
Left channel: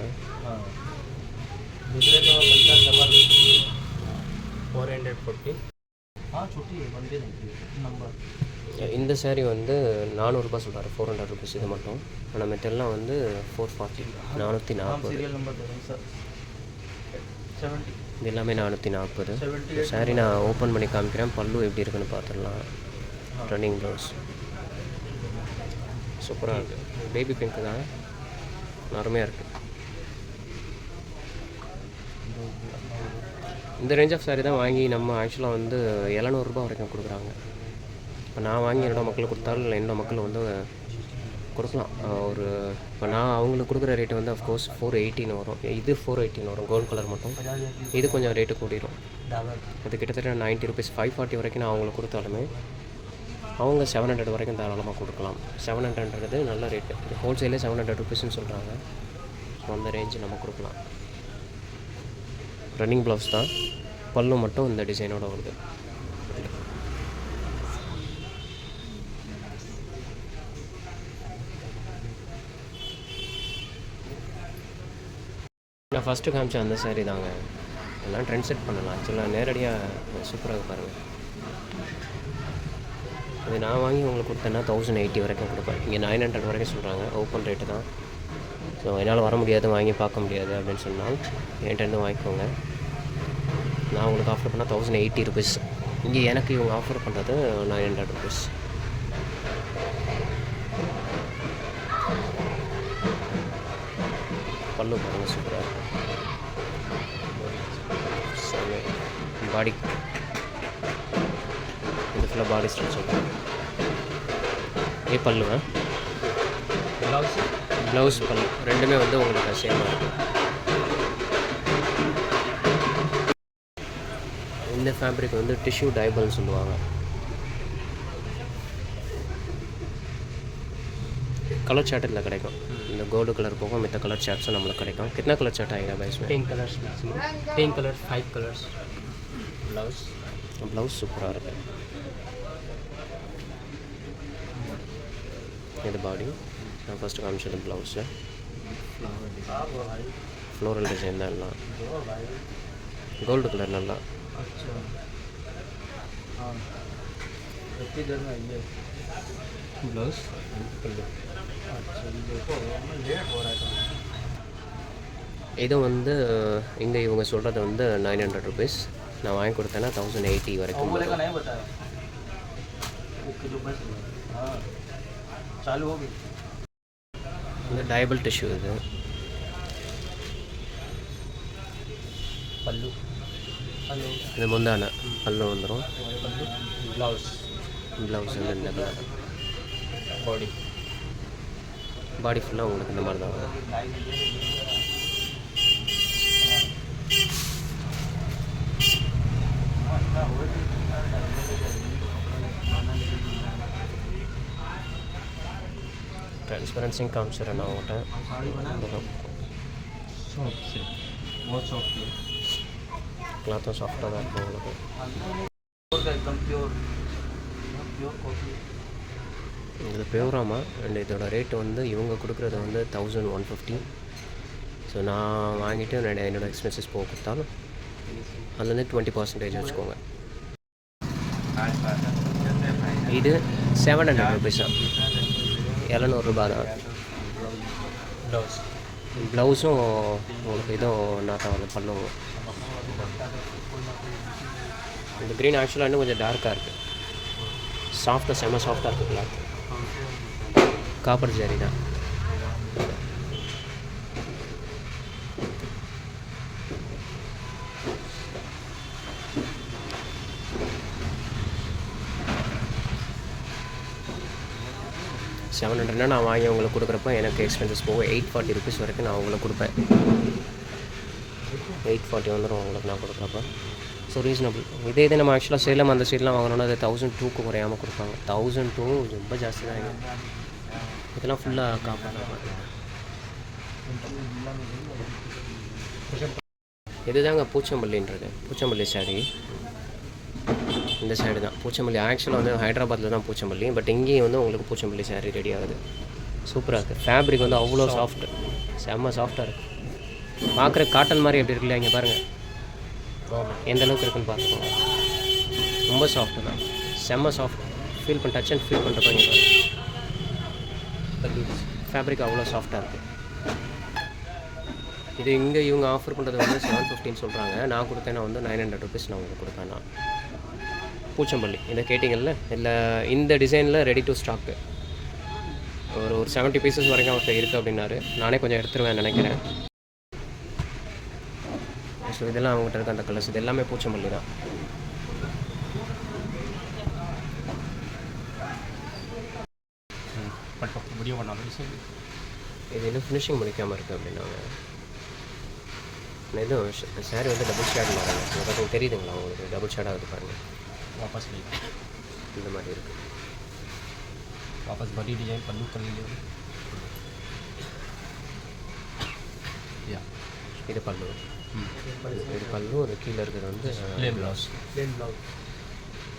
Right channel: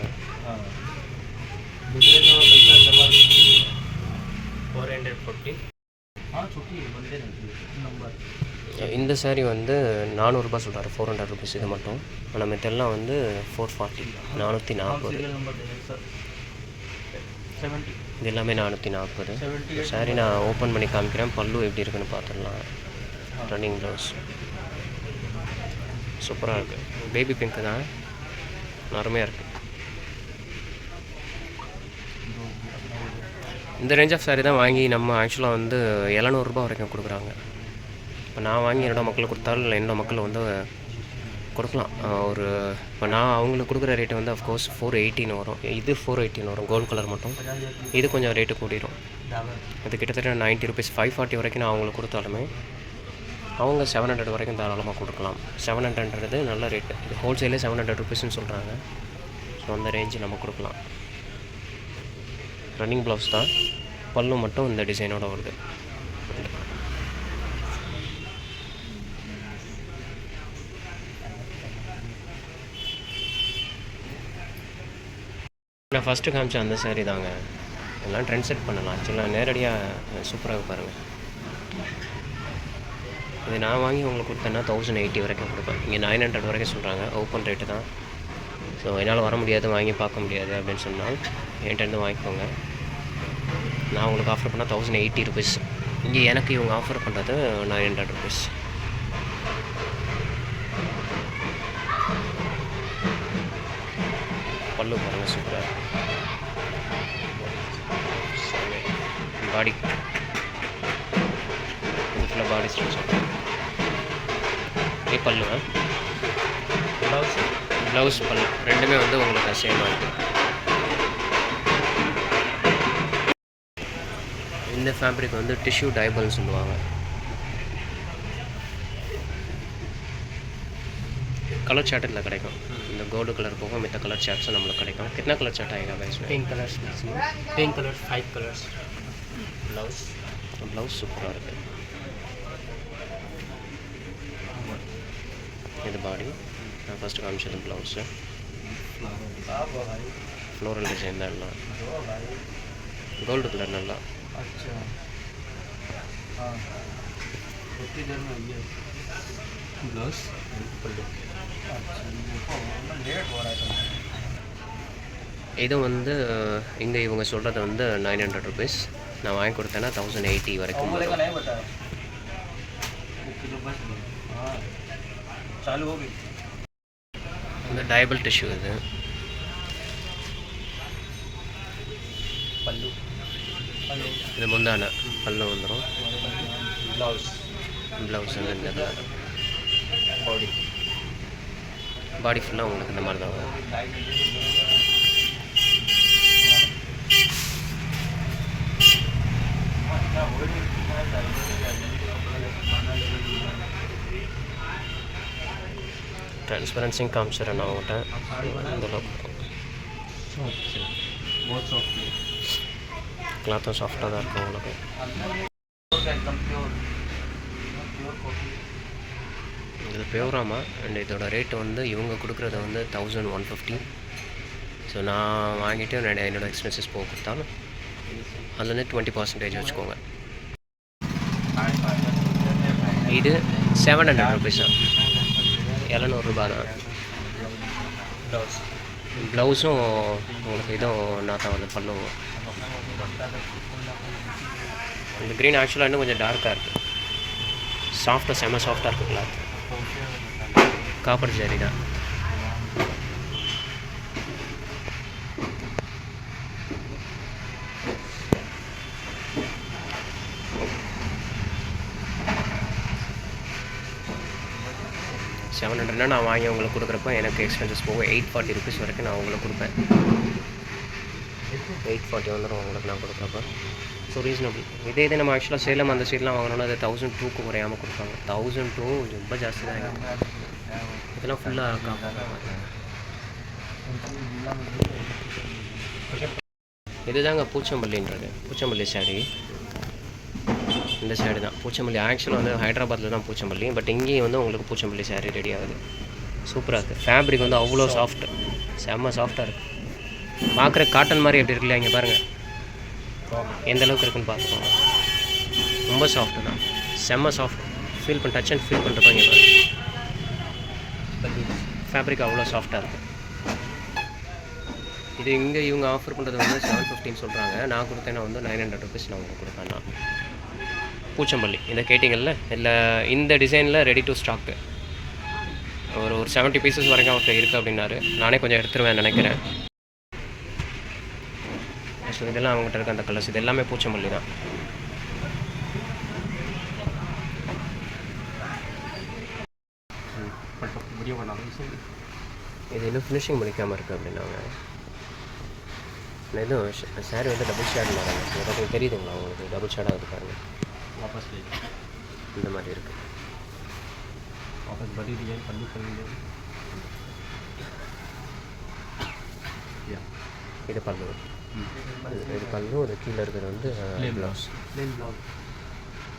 இந்த சாரீ வந்து 400 ரூபா சொல்கிறாரு, 400 ருபீஸ் இது மட்டும். ஆனால் மெத்தெல்லாம் வந்து 440, 440. இது எல்லாமே 440. சாரீ நான் ஓப்பன் பண்ணி காமிக்கிறேன். பல்லு எப்படி இருக்குன்னு பார்த்துடலாம். ரன்னிங் ப்ளவுஸ் சூப்பராக இருக்குது. பேபி பிங்க்கு தான், அருமையாக இருக்குது. இந்த ரேஞ்ச் ஆஃப் சாரீ தான் வாங்கி நம்ம ஆக்சுவலாக வந்து 700 ரூபா வரைக்கும் கொடுக்குறாங்க. இப்போ நான் வாங்கி என்னோடய மக்களுக்கு கொடுத்தாலும் என்னோடய மக்கள் வந்து கொடுக்கலாம். ஒரு இப்போ நான் அவங்களுக்கு கொடுக்குற ரேட்டு வந்து அஃப்கோர்ஸ் 480 வரும். இது 480 வரும் கோல்டு கலர் மட்டும். இது கொஞ்சம் ரேட்டு கூடிரும். அது கிட்டத்தட்ட 90 ருபீஸ் 540 வரைக்கும் நான் அவங்களுக்கு கொடுத்தாலுமே அவங்க 700 வரைக்கும் தாராளமாக கொடுக்கலாம். 700ன்றது நல்ல ரேட்டு. இது ஹோல்சேலே 700 ருபீஸ்ன்னு சொல்கிறாங்க. ஸோ அந்த ரேஞ்சு நம்ம கொடுக்கலாம். ரன்னிங் ப்ளவுஸ் தான், பல்லு மட்டும் இந்த டிசைனோட வருது. நான் ஃபஸ்ட்டு காமிச்ச அந்த சாரீ தாங்க. எல்லாம் ட்ரெண்ட் செட் பண்ணலாம். ஆக்சுவலாக நேரடியாக சூப்பராக பாருங்கள். இது நான் வாங்கி உங்களுக்கு கொடுத்தேன்னா 1080 வரைக்கும் கொடுப்பேன். இங்கே 900 வரைக்கும் சொல்கிறாங்க. ஓப்பன் ரேட்டு தான். ஸோ என்னால் வர முடியாது, வாங்கி பார்க்க முடியாது அப்படின்னு சொன்னால் என்கிட்டருந்து வாங்கிக்கோங்க. நான் உங்களுக்கு ஆஃபர் பண்ணால் 1080 ருபீஸ். இங்கே எனக்கு இவங்க ஆஃபர் பண்ணுறது 900 ருபீஸ். பல்லு பாருங்கள், சூப்பராக இருக்கும். சரி, பாடி இது ஃபுல்லாக பாடி ஸ்டிச் சொல்கிறேன். இதே பல்லுங்க, ப்ளவுஸ் பல்லு ரெண்டுமே வந்து உங்களுக்கு சேமாக இருக்கும். இந்த ஃபேப்ரிக் வந்து டிஷ்யூ டைபல்னு சொல்லுவாங்க. कलर चार्ट इतना கிடைக்கும். இந்த கோல்டு கலர் போக மற்ற கலர் சார்ட்ஸும் நம்மளுக்கு கிடைக்கும். कितना कलर चार्ट आएगा guys? 10 colours maximum, 10 colours, 5 colours. Blouse சூப்பராக இருக்குது. இது பாடி நான் ஃபஸ்ட்டு காமிச்சது ப்ளவுஸு. ஃப்ளோரல் டிசைன் தான் எல்லாம். கோல்டு கலர் நல்லா. अच्छा हाँ, कितनी देर में ये ब्लाउज पल्लू. अच्छा देखो लेट हो रहा है. இது வந்து இங்கே இவங்க சொல்கிறது வந்து 900 ருபீஸ். நான் வாங்கி கொடுத்தேன்னா 1080 வரைக்கும் வரும். चालू हो गई. இந்த டைபிள் டிஷ்யூ இது. पल्लू हेलो இது முந்தான பல்லு வந்துடும். ब्लाउज ப்ளவுஸ் வந்து இந்த बॉडी பாடி ஃபுல்லாக உங்களுக்கு இந்த மாதிரி தான் வரும். ட்ரான்ஸ்பரன்சிங் காமிச்சிடறேன் நான் உங்கள்கிட்ட. बहुत सॉफ्ट है. கிளாத்தும் சாஃப்டாக தான் இருக்கும் உங்களுக்கு. एकदम प्योर कॉफी. இது பியூராமா. அண்ட் இதோட ரேட்டு வந்து இவங்க கொடுக்குறது வந்து 1150. ஸோ நான் வாங்கிட்டு என்னோடய எக்ஸ்பென்சஸ் போக கொடுத்தாலும் அதுலேருந்து 20% வச்சுக்கோங்க. இது 700 ருபீஸ் தான், 700 ரூபா தான். ப்ளவுஸும் உங்களுக்கு இதுவும் நான் தான் வந்து பண்ணுவோம். இந்த க்ரீன் ஆக்சுவலாக இன்னும் கொஞ்சம் டார்க்காக இருக்குது. சாஃப்டாக செம்ம சாஃப்டாக இருக்குது கிளாத். காப்பர் ஜரி தான். $700 நான் வாங்கி உங்களுக்கு கொடுக்குறப்ப எனக்கு எக்ஸ்பென்சஸ் போக 840 ருபீஸ் வரைக்கும் நான் உங்களுக்கு கொடுப்பேன். 840 வந்துடும் உங்களுக்கு நான் கொடுக்குறப்ப. So reasonable. இதே நம்ம ஆக்சுவலாக சேலம் அந்த சைட்லாம் வாங்கினோன்னா அது 1002க்கு குறையாமல் கொடுப்பாங்க. 1002 ரொம்ப ஜாஸ்தி தான். இதெல்லாம் ஃபுல்லாக காப்பாக இதுதாங்க பூச்சம்பள்ளின்றது. பூச்சம்பள்ளி சாரி இந்த சாரி தான். பூச்சம்பள்ளி ஆக்சுவலாக வந்து ஹைதராபாத்தில் தான் பூச்சம்பள்ளி. பட் இங்கேயும் வந்து உங்களுக்கு பூச்சம்பள்ளி சாரி ரெடி ஆகுது. சூப்பராக இருக்குது. ஃபேப்ரிக் வந்து அவ்வளோ சாஃப்ட், செம்ம சாஃப்டாக இருக்குது. பார்க்குற காட்டன் மாதிரி எப்படி இருக்குல்ல, இங்கே பாருங்கள் எந்த அளவுக்கு இருக்குன்னு பார்த்துக்கோங்க. ரொம்ப சாஃப்ட்டு தான், செம்ம சாஃப்ட். ஃபீல் பண்ண டச் அண்ட் ஃபீல் பண்ணுறப்ப இங்கே பாருங்கள் ஃபேப்ரிக் அவ்வளோ சாஃப்டாக இருக்குது. இது இங்கே இவங்க ஆஃபர் பண்ணுறது வந்து 750 சொல்கிறாங்க. நான் கொடுத்தேன்னா வந்து 900 ருபீஸ் நான் உங்களுக்கு கொடுப்பேன். நான் பூச்சம்பள்ளி இதை கேட்டிங்கல்ல, இல்லை இந்த டிசைனில் ரெடி டு ஸ்டாக்கு ஒரு 70 பீசஸ் வரைக்கும் அவர்கிட்ட இருக்குது அப்படின்னாரு. நானே கொஞ்சம் எடுத்துருவேன் நினைக்கிறேன். ஸோ இதெல்லாம் அவங்ககிட்ட இருக்க அந்த கலர்ஸ் இது எல்லாமே பூச்சம்பள்ளி தான். वीडियो बना रहा हूँ இது இன்னும் ஃபினிஷிங் முடிக்காமல் இருக்குது அப்படின்னாங்க. நான் எதுவும் சாரி வந்து டபுள் ஷேட் மாறாங்க. இங்கே பார்த்தீங்கன்னா தெரியுதுங்களா உங்களுக்கு? டபுள் ஷேட் ஆகுது பாருங்கள். वापस ले இந்த மாதிரி இருக்குது. वापस बड़ी डिजाइन पल्लू चल लीजिए या இது பல்லு. இது பல்லு. அது கீழே இருக்கிறது வந்து blouse. Plain blouse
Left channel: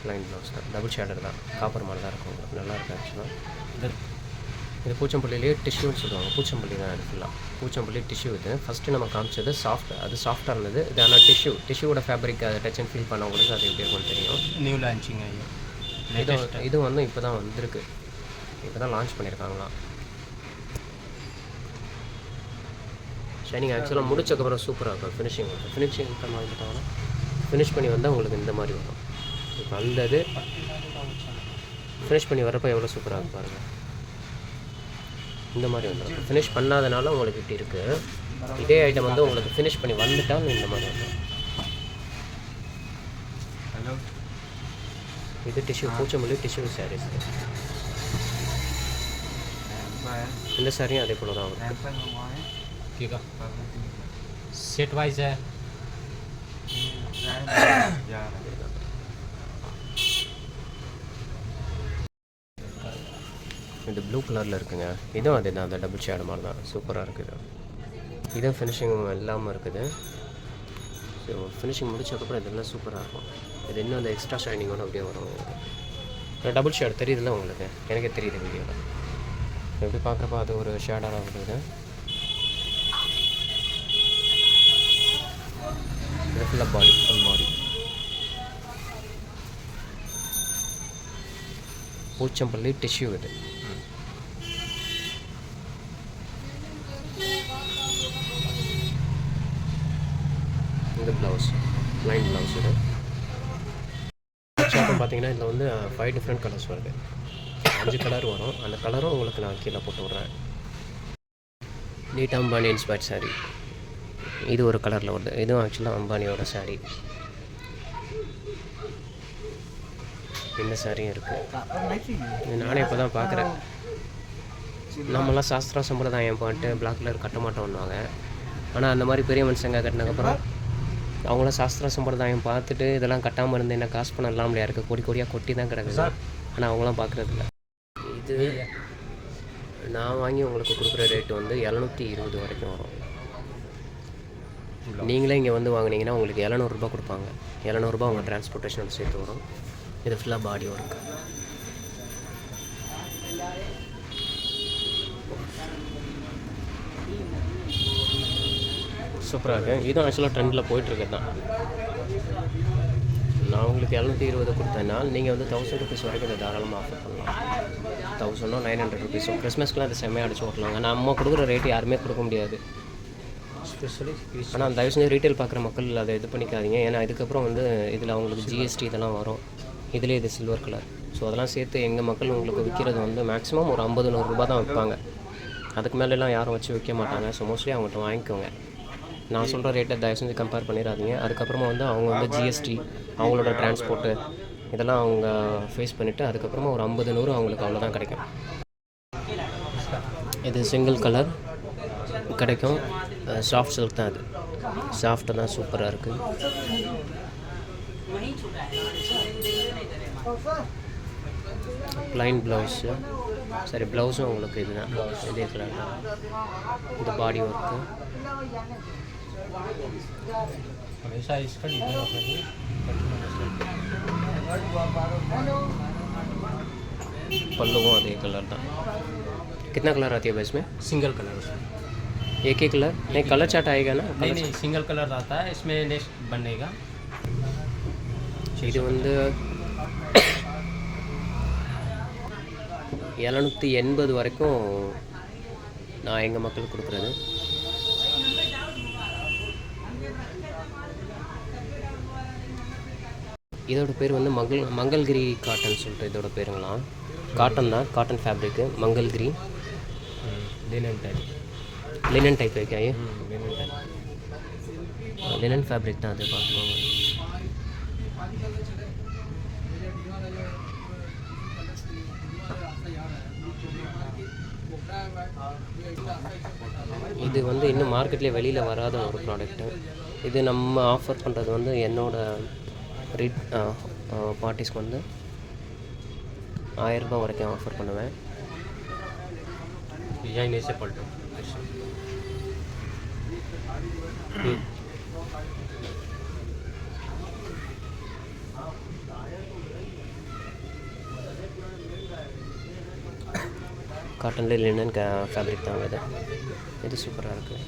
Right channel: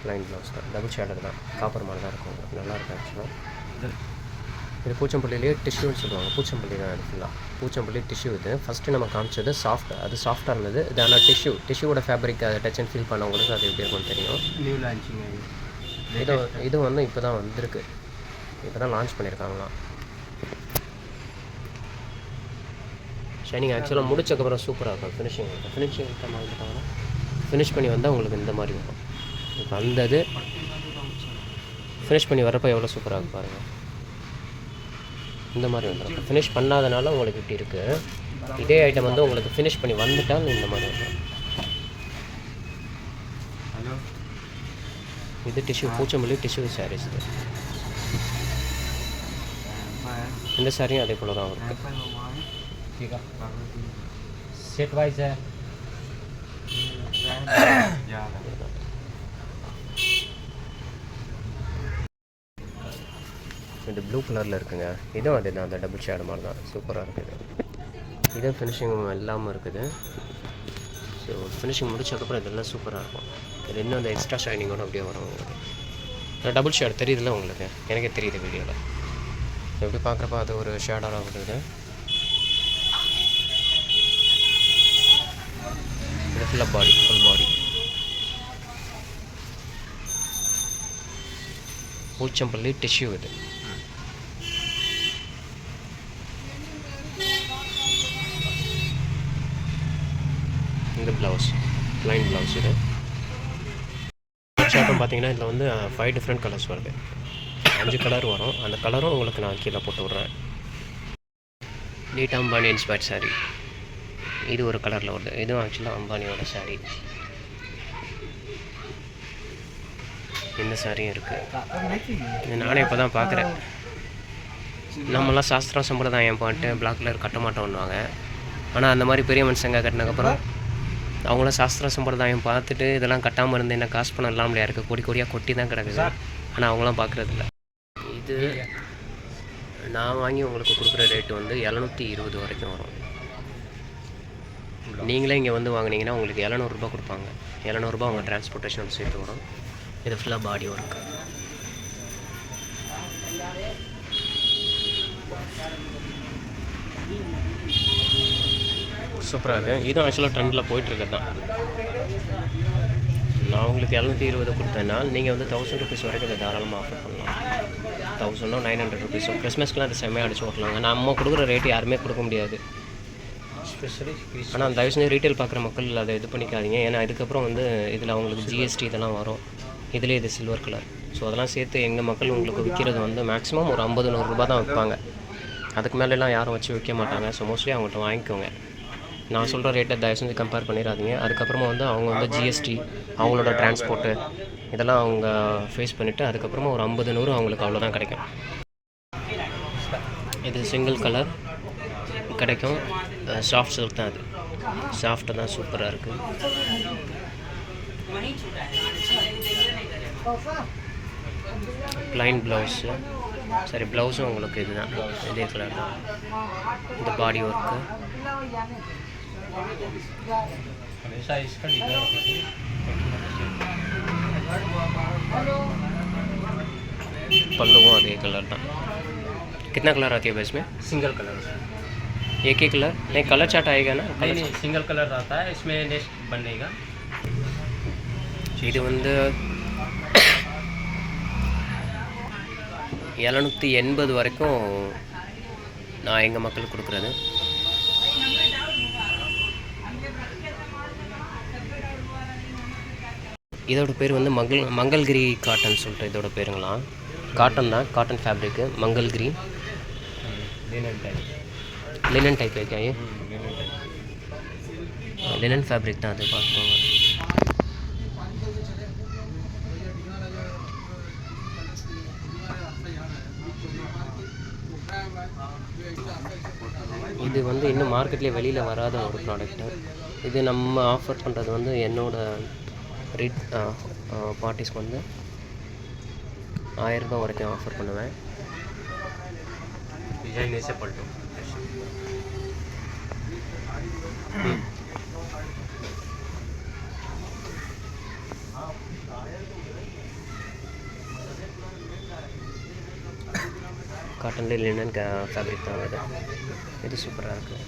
line blouse தான். டபுள் ஷேடர் தான். காப்பர் மாதிரி தான் இருக்கும். நல்லா இருக்குது ஆக்சுவலாக. इधर இது பூச்சம்பள்ளியிலேயே டிஷ்யூன்னு சொல்லுவாங்க. பூச்சம்பள்ளி தான் இது ஃபுல்லாக. பூச்சம்பள்ளி டிஷ்யூ இது. ஃபஸ்ட்டு நம்ம காமிச்சது சாஃப்ட். அது சாஃப்டாக இருந்தது. இது ஆனால் டிஷ்யூவோட ஃபேப்ரிக் அதை டச் அண்ட் ஃபீல் பண்ணவங்களுக்கு அது எப்படி இருக்கும்னு தெரியும். न्यू लॉन्चिंग है ये இது வந்து இப்போ தான் வந்திருக்கு. இப்போ தான் லான்ச் பண்ணியிருக்காங்களாம். ஷைனிங் ஆக்சுவலாக முடிச்சக்கப்புறம் சூப்பராக இருக்கும். ஃபினிஷிங் மாதிரி பார்த்தாங்கன்னா ஃபினிஷ் பண்ணி வந்தால் உங்களுக்கு இந்த மாதிரி வரும். இப்போ அந்த இது ஃபினிஷ் பண்ணி வரப்போ எவ்வளோ சூப்பராக இருக்கும் பாருங்கள். இந்த மாதிரி வந்துடும். இப்போ ஃபினிஷ் பண்ணாதனால உங்களுக்கு இப்படி இருக்குது. இதே ஐட்டம் வந்து உங்களுக்கு ஃபினிஷ் பண்ணி வந்துட்டால் இந்த மாதிரி வந்துடும். हेलो இது டிஷ்யூ பூச்சம்பள்ளி டிஷ்யூ சாரீஸ். இந்த சாரியும் அதே போல தான் வரும். ठीक है सेट वाइज है இது ப்ளூ கலரில் இருக்குங்க. இதுவும் அதே தான். அந்த டபுள் ஷேடு மாதிரி தான். சூப்பராக இருக்குது. இதுவும் ஃபினிஷிங் இல்லாமல் இருக்குது. ஸோ ஃபினிஷிங் முடிச்சதுக்கப்புறம் இதெல்லாம் சூப்பராக இருக்கும். இது இன்னும் அந்த எக்ஸ்ட்ரா ஷைனிங்கோடு அப்படியே வரும் உங்களுக்கு. டபுள் ஷேட் தெரியுதுல்ல உங்களுக்கு? எனக்கே தெரியுது வீடியோவில். எப்படி பார்க்குறப்ப அது ஒரு ஷேடாக வருது. இது ஃபுல்லாக பாடி, ஃபுல் பாடி. பூச்சம்பள்ளி டிஷ்யூ இது. இந்த ப்ளவுஸ் லைன் ப்ளவுஸ் இது. ஷாப்பும் பார்த்தீங்கன்னா இதில் வந்து 5 டிஃப்ரெண்ட் கலர்ஸ் வருது. 5 கலர் வரும். அந்த கலரும் உங்களுக்கு நான் கீழே போட்டு விட்றேன். நீட் அம்பானி இன்ஸ்பயர்ட் சாரீ. இது ஒரு கலரில் வருது. இதுவும் ஆக்சுவலாக அம்பானியோட சாரீ. இந்த சாரியும் இருக்குது. நானே இப்போ தான் பார்க்குறேன். நம்மளாம் சாஸ்திரம் சம்பிரதாயம் பாட்டு பிளாக் கலர் கட்ட மாட்டோம்னுவாங்க. ஆனால் அந்த மாதிரி பெரிய மனுஷங்க கட்டினதுக்கப்புறம் அவங்களாம் சாஸ்திரம் சம்பிரதாயம் பார்த்துட்டு இதெல்லாம் கட்டாமல் இருந்து என்ன காசு பணம் இல்லாமல் இருக்குது. கொடி கொடியாக கொட்டி தான் கிடக்குது. ஆனால் அவங்களாம் பார்க்குறதில்ல. இது நான் வாங்கி உங்களுக்கு கொடுக்குற ரேட்டு வந்து 720 வரைக்கும் வரும். நீங்களே இங்கே வந்து வாங்கினீங்கன்னா உங்களுக்கு 700 ரூபா கொடுப்பாங்க. 700 ரூபா உங்கள் டிரான்ஸ்போர்ட்டேஷனோட சேர்த்து வரும். இது ஃபுல்லாக பாடி ஒர்க். சூப்பராக இருக்குது. இதுவும் ஆக்சுவலாக ட்ரெண்டில் போயிட்டுருக்குது தான். நான் உங்களுக்கு 720 கொடுத்தேன்னா நீங்கள் வந்து 1000 ருபீஸ் வரைக்கும் இதை தாராளமாக ஆஃபர் பண்ணலாம். 1000 900 ருபீஸோ கிறிஸ்மஸ்க்குலாம் அது செம்மையாக அடிச்சு ஓட்டலாங்க. நம்ம கொடுக்குற ரேட்டு யாருமே கொடுக்க முடியாது. ஆனால் தயவு செஞ்சு ரீட்டைல் பார்க்குற மக்கள் அதை இது பண்ணிக்காதீங்க. ஏன்னா இதுக்கப்புறம் வந்து இதில் அவங்களுக்கு ஜிஎஸ்டி இதெல்லாம் வரும். இதிலே இது சில்வர் கலர். ஸோ அதெல்லாம் சேர்த்து எங்கள் மக்கள் உங்களுக்கு விற்கிறது வந்து மேக்ஸிமம் ஒரு 50-100 ரூபா தான் விற்பாங்க. அதுக்கு மேலெலாம் யாரும் வச்சு விற்க மாட்டாங்க. ஸோ மோஸ்ட்லி அவங்கள்ட்ட வாங்கிக்கோங்க. நான் சொல்கிற ரேட்டை தயவு செஞ்சு கம்பேர் பண்ணிடாதீங்க. அதுக்கப்புறமா வந்து அவங்க வந்து ஜிஎஸ்டி அவங்களோட டிரான்ஸ்போர்ட்டு இதெல்லாம் அவங்க ஃபேஸ் பண்ணிவிட்டு அதுக்கப்புறமா ஒரு 50-100 அவங்களுக்கு அவ்வளோதான் கிடைக்கும். இது சிங்கிள் கலர் கிடைக்கும். சாஃப்ட் சில்க் தான். அது சாஃப்ட்டு தான். சூப்பராக இருக்குது. Plain blouse. சரி ப்ளவுஸும் உங்களுக்கு இதுதான். இதே கலர் தான். இந்த பாடி ஒர்க்கு. पल्लू अदे कलर ना कितना कलर आती है भाई इसमें? सिंगल कलर एक ही कलर नहीं, कलर चार्ट आएगा ना? नहीं सिंगल कलर आता है. इसमें नेक्स्ट बनेगा. இது வந்து 780 வரைக்கும் நான் எங்கள் மக்களுக்கு கொடுக்குறது. இதோட பேர் வந்து மங்கள்கிரி காட்டன் சொல்லிட்டு இதோட பேருங்களாம். காட்டன் தான், cotton fabric Mangalagiri. Linen type है क्या ये? लिनन फैब्रिक தான் அது. பார்க்கணும். இது வந்து இன்னும் மார்க்கெட்லேயே வெளியில் வராத ஒரு ப்ராடக்ட்டு. இது நம்ம ஆஃபர் பண்ணுறது வந்து என்னோடய பார்ட்டிஸ்க்கு வந்து 1000 ரூபாய் வரைக்கும் ஆஃபர் பண்ணுவேன். डिजाइन ऐसे पलटो காட்டனில் லினன் ஃபேப்ரிக் தான் இது சூப்பராக இருக்குது.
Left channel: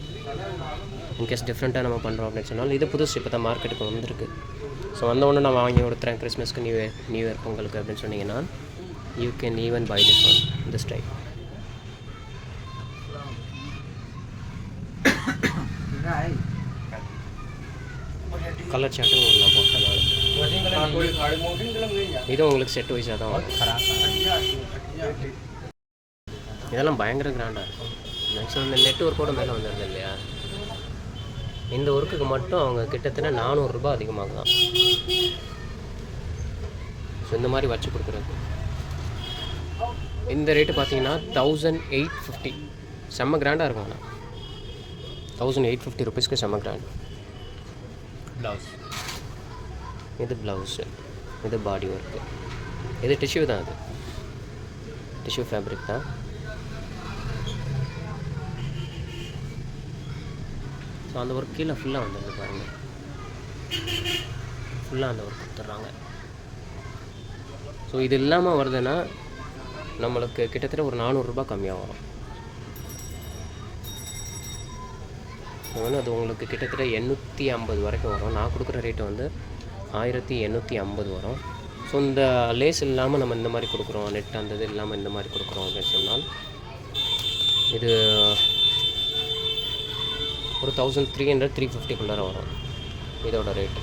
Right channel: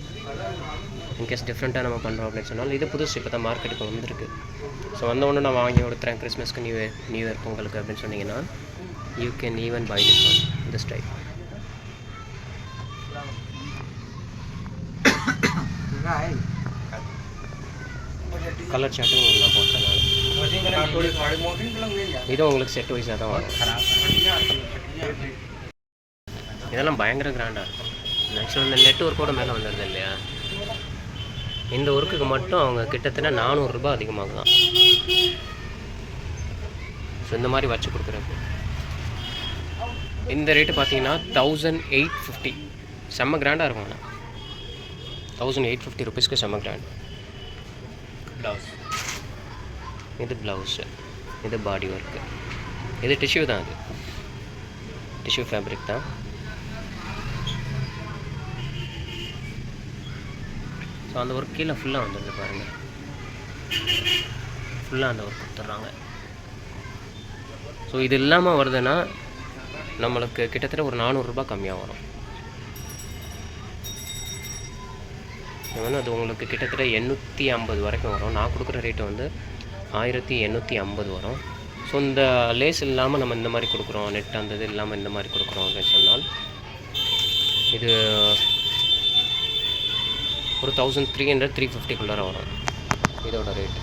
இன்கேஸ் டிஃப்ரெண்ட்டாக நம்ம பண்ணுறோம் அப்படின்னு சொன்னால் இது புதுசு இப்போ தான் மார்க்கெட்டுக்கு வந்திருக்கு. ஸோ வந்தவொடனே நான் வாங்கி கொடுத்துறேன் கிறிஸ்மஸ்க்கு நியூ இயர் பொங்கலுக்கு அப்படின்னு சொன்னீங்கன்னா you can even buy this one this type. Colour சார்ட்டும் நான் போட்டேன் நான். இதுவும் உங்களுக்கு செட் வைஸாக தான் வரும். இதெல்லாம் பயங்கர கிராண்டாக இருக்கும். ஆக்சுவலாக இந்த நெட் ஒர்க்கோட மேலே வந்துடுது இல்லையா, இந்த ஒர்க்குக்கு மட்டும் அவங்க கிட்டத்தட்ட 400 ரூபாய் அதிகமாகலாம். ஸோ இந்த மாதிரி வச்சு கொடுக்குறது இந்த ரேட்டு பார்த்தீங்கன்னா 1850. செம்ம கிராண்டாக இருக்கும். ஆனால் 1850 ருபீஸ்க்கு செம்ம கிராண்ட். ब्लाउज இது ப்ளவுஸு, இது பாடி ஒர்க்கு, இது டிஷ்யூ தான். அது டிஷ்யூ ஃபேப்ரிக் தான். ஸோ அந்த ஒர்க் கீழே ஃபுல்லாக வந்துடுது பாருங்கள். ஃபுல்லாக அந்த ஒர்க் கொடுத்துட்றாங்க. ஸோ இது இல்லாமல் வருதுன்னா நம்மளுக்கு கிட்டத்தட்ட ஒரு 400 ரூபாய் கம்மியாக வரும். இது வந்து அது உங்களுக்கு கிட்டத்தட்ட 850 வரைக்கும் வரும். நான் கொடுக்குற ரேட்டு வந்து 1850 வரும். ஸோ இந்த லேஸ் இல்லாமல் நம்ம இந்த மாதிரி கொடுக்குறோம், நெட் அந்த இது இல்லாமல் இந்த மாதிரி கொடுக்குறோம் அப்படின்னு சொன்னால் இது ஒரு 1300-350 வரும் இதோட ரேட்.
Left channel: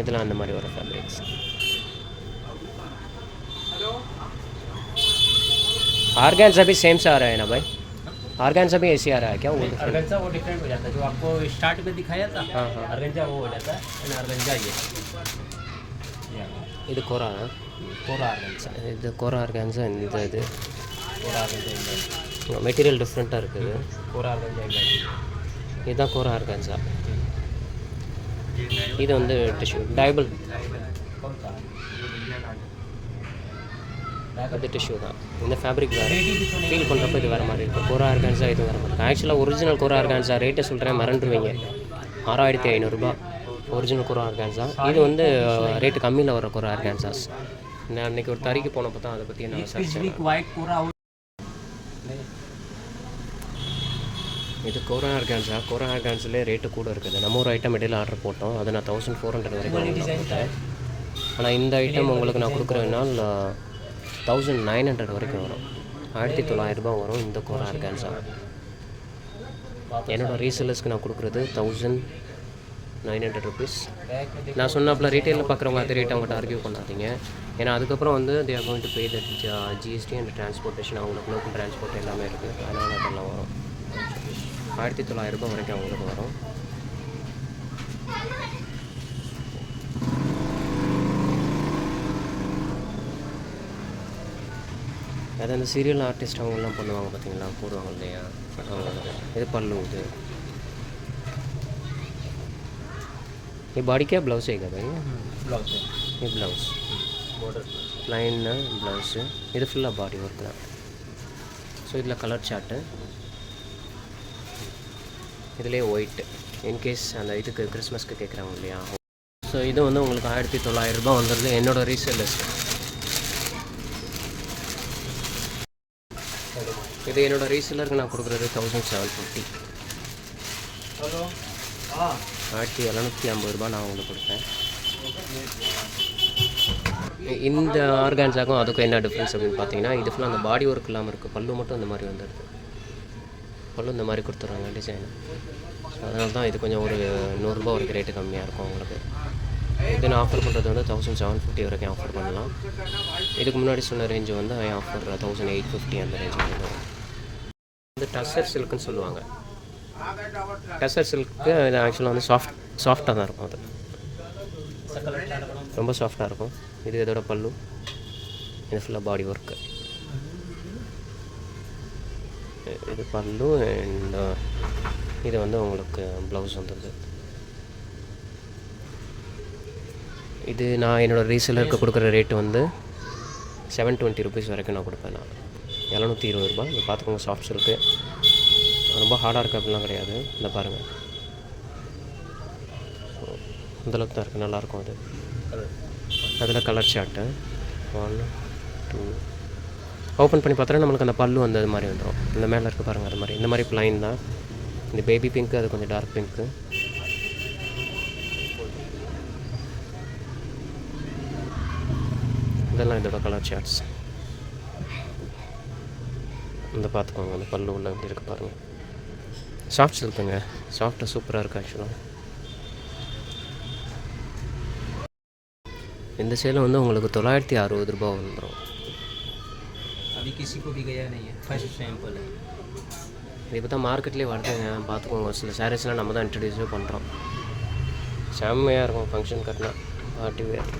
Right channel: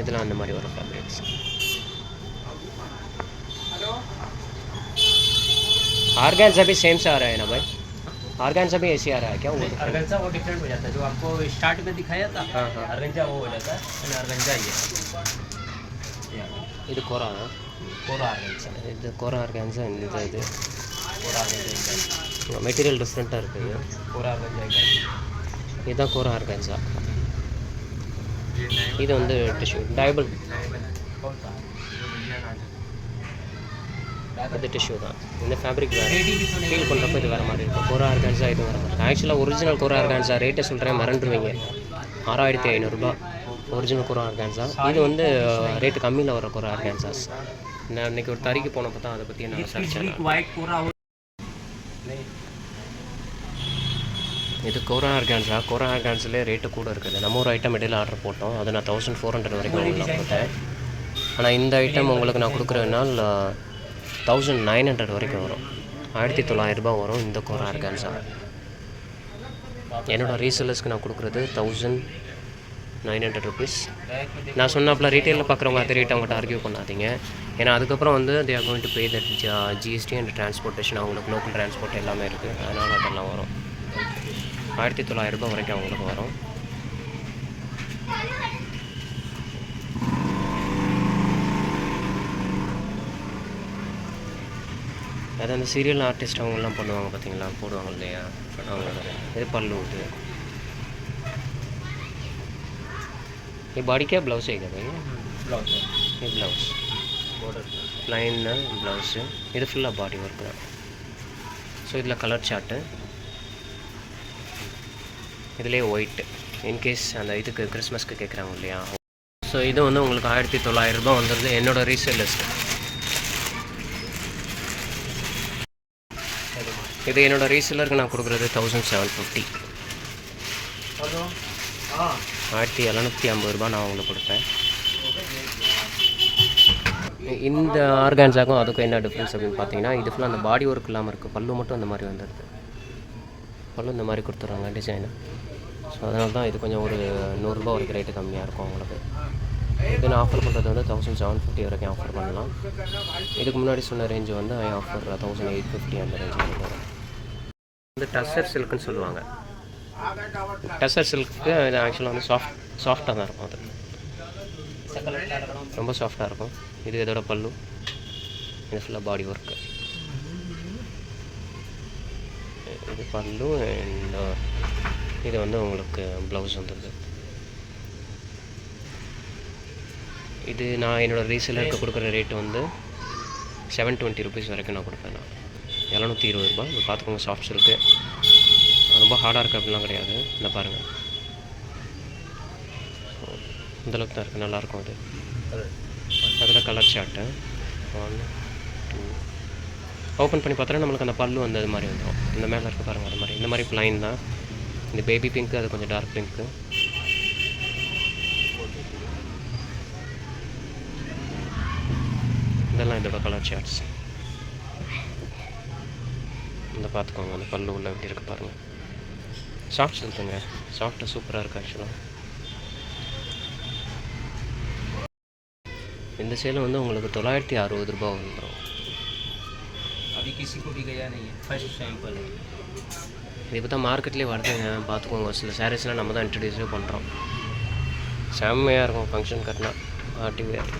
இதெல்லாம் அந்த மாதிரி வரும் ஃபேப்ரிக்ஸ். ऑर्गेन्जा भी सेम से आ रहा है ना भाई? ऑर्गेन्जा भी ऐसे आ रहा है क्या? ऑर्गेन्जा वो डिफरेंट हो जाता है, जो आपको स्टार्ट में दिखाया था। हाँ हाँ, ऑर्गेन्जा वो हो जाता है, ऑर्गेन्जा ये இது கோரா कोरा ऑर्गेन्जा, இது கோரா ஆர்கான்ஸா. இந்த இது कोरा ऑर्गेन्जा மெட்டீரியல் டிஃப்ரெண்ட்டாக இருக்குது. कोरा ऑर्गेन्जा இதுதான் கோரா ஆர்கான்ஸா. இது வந்து டிஷ்யூ டைபிள், இது டிஷ்யூ தான். இந்த ஃபேப்ரிக் வேறு, ஃபீல் பண்ணுறப்ப இது வேறு மாதிரி இருக்கும். கோரா ஆர்கான்ஸா இது வேறு மாதிரி. ஆக்சுவலாக ஒரிஜினல் கோரா ஆர்கான்ஸா ரேட்டை சொல்கிறேன், மறந்துடுவீங்க. 6500 ரூபாய் ஒரிஜினல் கோரா ஆர்கான்ஸா. இது வந்து ரேட்டு கம்மியில் வர கோரா ஆர்கான்ஸாஸ். நான் இன்றைக்கி ஒரு தறிக்கு போனப்போ தான் அதை பற்றி நான் சர்ச்சேன். இது கோரா ஆர்கான்ஸா. கோரா ஆர்கான்ஸில் ரேட்டு கூட இருக்குது. நம்ம ஒரு ஐட்டம் இடையில் ஆர்டர் போட்டோம், அது நான் 1400 வரைக்கும் உங்களுக்கு நான் கொடுத்தேன். ஆனால் இந்த ஐட்டம் உங்களுக்கு நான் கொடுக்குறதுனால் 1900 வரைக்கும் வரும். 1900 ரூபாய் வரும் இந்த கோரா ஆர்கான்ஸா. என்னோடய ரீசேலர்ஸ்க்கு நான் கொடுக்குறது 1900 ருபீஸ். நான் சொன்னாப்பில் ரீட்டெயிலில் பார்க்குறவங்க அதே ரேட் அவங்கள்ட்ட ஆர்கியூ பண்ணாதீங்க. ஏன்னா அதுக்கப்புறம் வந்து they are going to pay that GST and transportation. அவங்களுக்கு லோக்கல் டிரான்ஸ்போர்ட் எல்லாமே இருக்குது, அதனால் அதெல்லாம் வரும். 1900 ரூபாய் வரைக்கும் அவங்களுக்கு வரும். அது அந்த சீரியல் ஆர்டிஸ்ட் அவங்கெல்லாம் பண்ணுவாங்க பார்த்தீங்களா, போடுவாங்க இல்லையா அவங்களுக்கு. இது பல்லு. ये बॉडी क्या ब्लाउज है क्या भाई? ब्लाउज है, ये ब्लाउज बॉर्डर प्लाइन ब्लाउज. இது ஃபுல்லாக பாடி ஒர்க் தான். ஸோ இதில் கலர் சார்ட்டு, இதுலேயே ஒயிட்டு. இன்கேஸ் அந்த இதுக்கு கிறிஸ்மஸ்க்கு கேட்குறாங்க இல்லையா. ஸோ இது வந்து உங்களுக்கு 1900 ரூபாய் வந்துடுது என்னோடய ரீசேலர்ஸ். இது என்னோடய ரீசேலருக்கு நான் கொடுக்குறது 1750. 1750 ரூபாய் நான் உங்களுக்கு கொடுப்பேன். இந்த ஆர்கான்ஸாக்கும் அதுக்கும் என்ன டிஃப்ரென்ஸ் அப்படின்னு பார்த்தீங்கன்னா, இது ஃபுல்லாக அந்த பாடி ஒர்க் இல்லாமல் இருக்குது. பல்லு மட்டும் இந்த மாதிரி வந்துடுது. பல்லு இந்த மாதிரி கொடுத்துட்றாங்க டிசைனு. ஸோ அதனால தான் இது கொஞ்சம் ஒரு 100 ரூபா வரைக்கும் ரேட்டு கம்மியாக இருக்கும் உங்களுக்கு. இது நான் ஆஃபர் பண்ணுறது வந்து 1750 வரைக்கும் ஆஃபர் பண்ணலாம். இதுக்கு முன்னாடி சொன்ன ரேஞ்சு வந்து ஆஃபர் 1850 அந்த ரேஞ்சு வரும். இந்த டஸ்ஸர் சில்க்குன்னு சொல்லுவாங்க. டஸ்ஸர் சில்க்கு இது ஆக்சுவலாக வந்து சாஃப்டாக தான் இருக்கும். அது ரொம்ப சாஃப்டாக இருக்கும். இது இதோட பல்லு, இது ஃபுல்லாக பாடி ஒர்க்கு. இது பல்லு அண்ட் இது வந்து உங்களுக்கு ப்ளவுஸ் வந்துடுது. இது நான் என்னோடய ரீசேலருக்கு கொடுக்குற ரேட்டு வந்து 720 ருபீஸ் வரைக்கும் நான் கொடுப்பேன். நான் 720 ரூபா. இது பார்த்துக்கோங்க, சாஃப்ட் சில்க்கு, ரொம்ப ஹார்டாக இருக்குது அப்படிலாம் கிடையாது. இந்த பாருங்கள், இந்தளவுக்கு தான் இருக்குது, நல்லாயிருக்கும். அது அதில் கலர் சார்ட்டு 1 2 ஓப்பன் பண்ணி பார்த்தோன்னா நம்மளுக்கு அந்த பல்லு வந்து அது மாதிரி வந்துடும். இந்த மேலே இருக்குது பாருங்கள், அது மாதிரி இந்த மாதிரி ப்ளைன் தான். இந்த பேபி பிங்க்கு, அது கொஞ்சம் டார்க் பிங்க்கு. இதெல்லாம் இதோட கலர் சார்ட்ஸ். இந்த பார்த்துக்கோங்க, அந்த பல்லு உள்ள எப்படி இருக்குது பாருங்கள். சாஃப்ட் சில்க்குங்க, சாஃப்டாக சூப்பராக இருக்குது ஆக்சுவலாக. இந்த சேலை வந்து உங்களுக்கு 960 ரூபா வந்துடும். अभी किसी को भी गया नहीं है, फर्स्ट सैंपल है. இது இப்போ தான் மார்க்கெட்லேயே வருதுங்க, பார்த்துக்கோங்க. சில சாரீஸ்லாம் நம்ம தான் இன்ட்ரடியூஸே பண்ணுறோம். செம்மையாக இருக்கும் ஃபங்க்ஷன் கட்டினா, பார்ட்டி வேர்.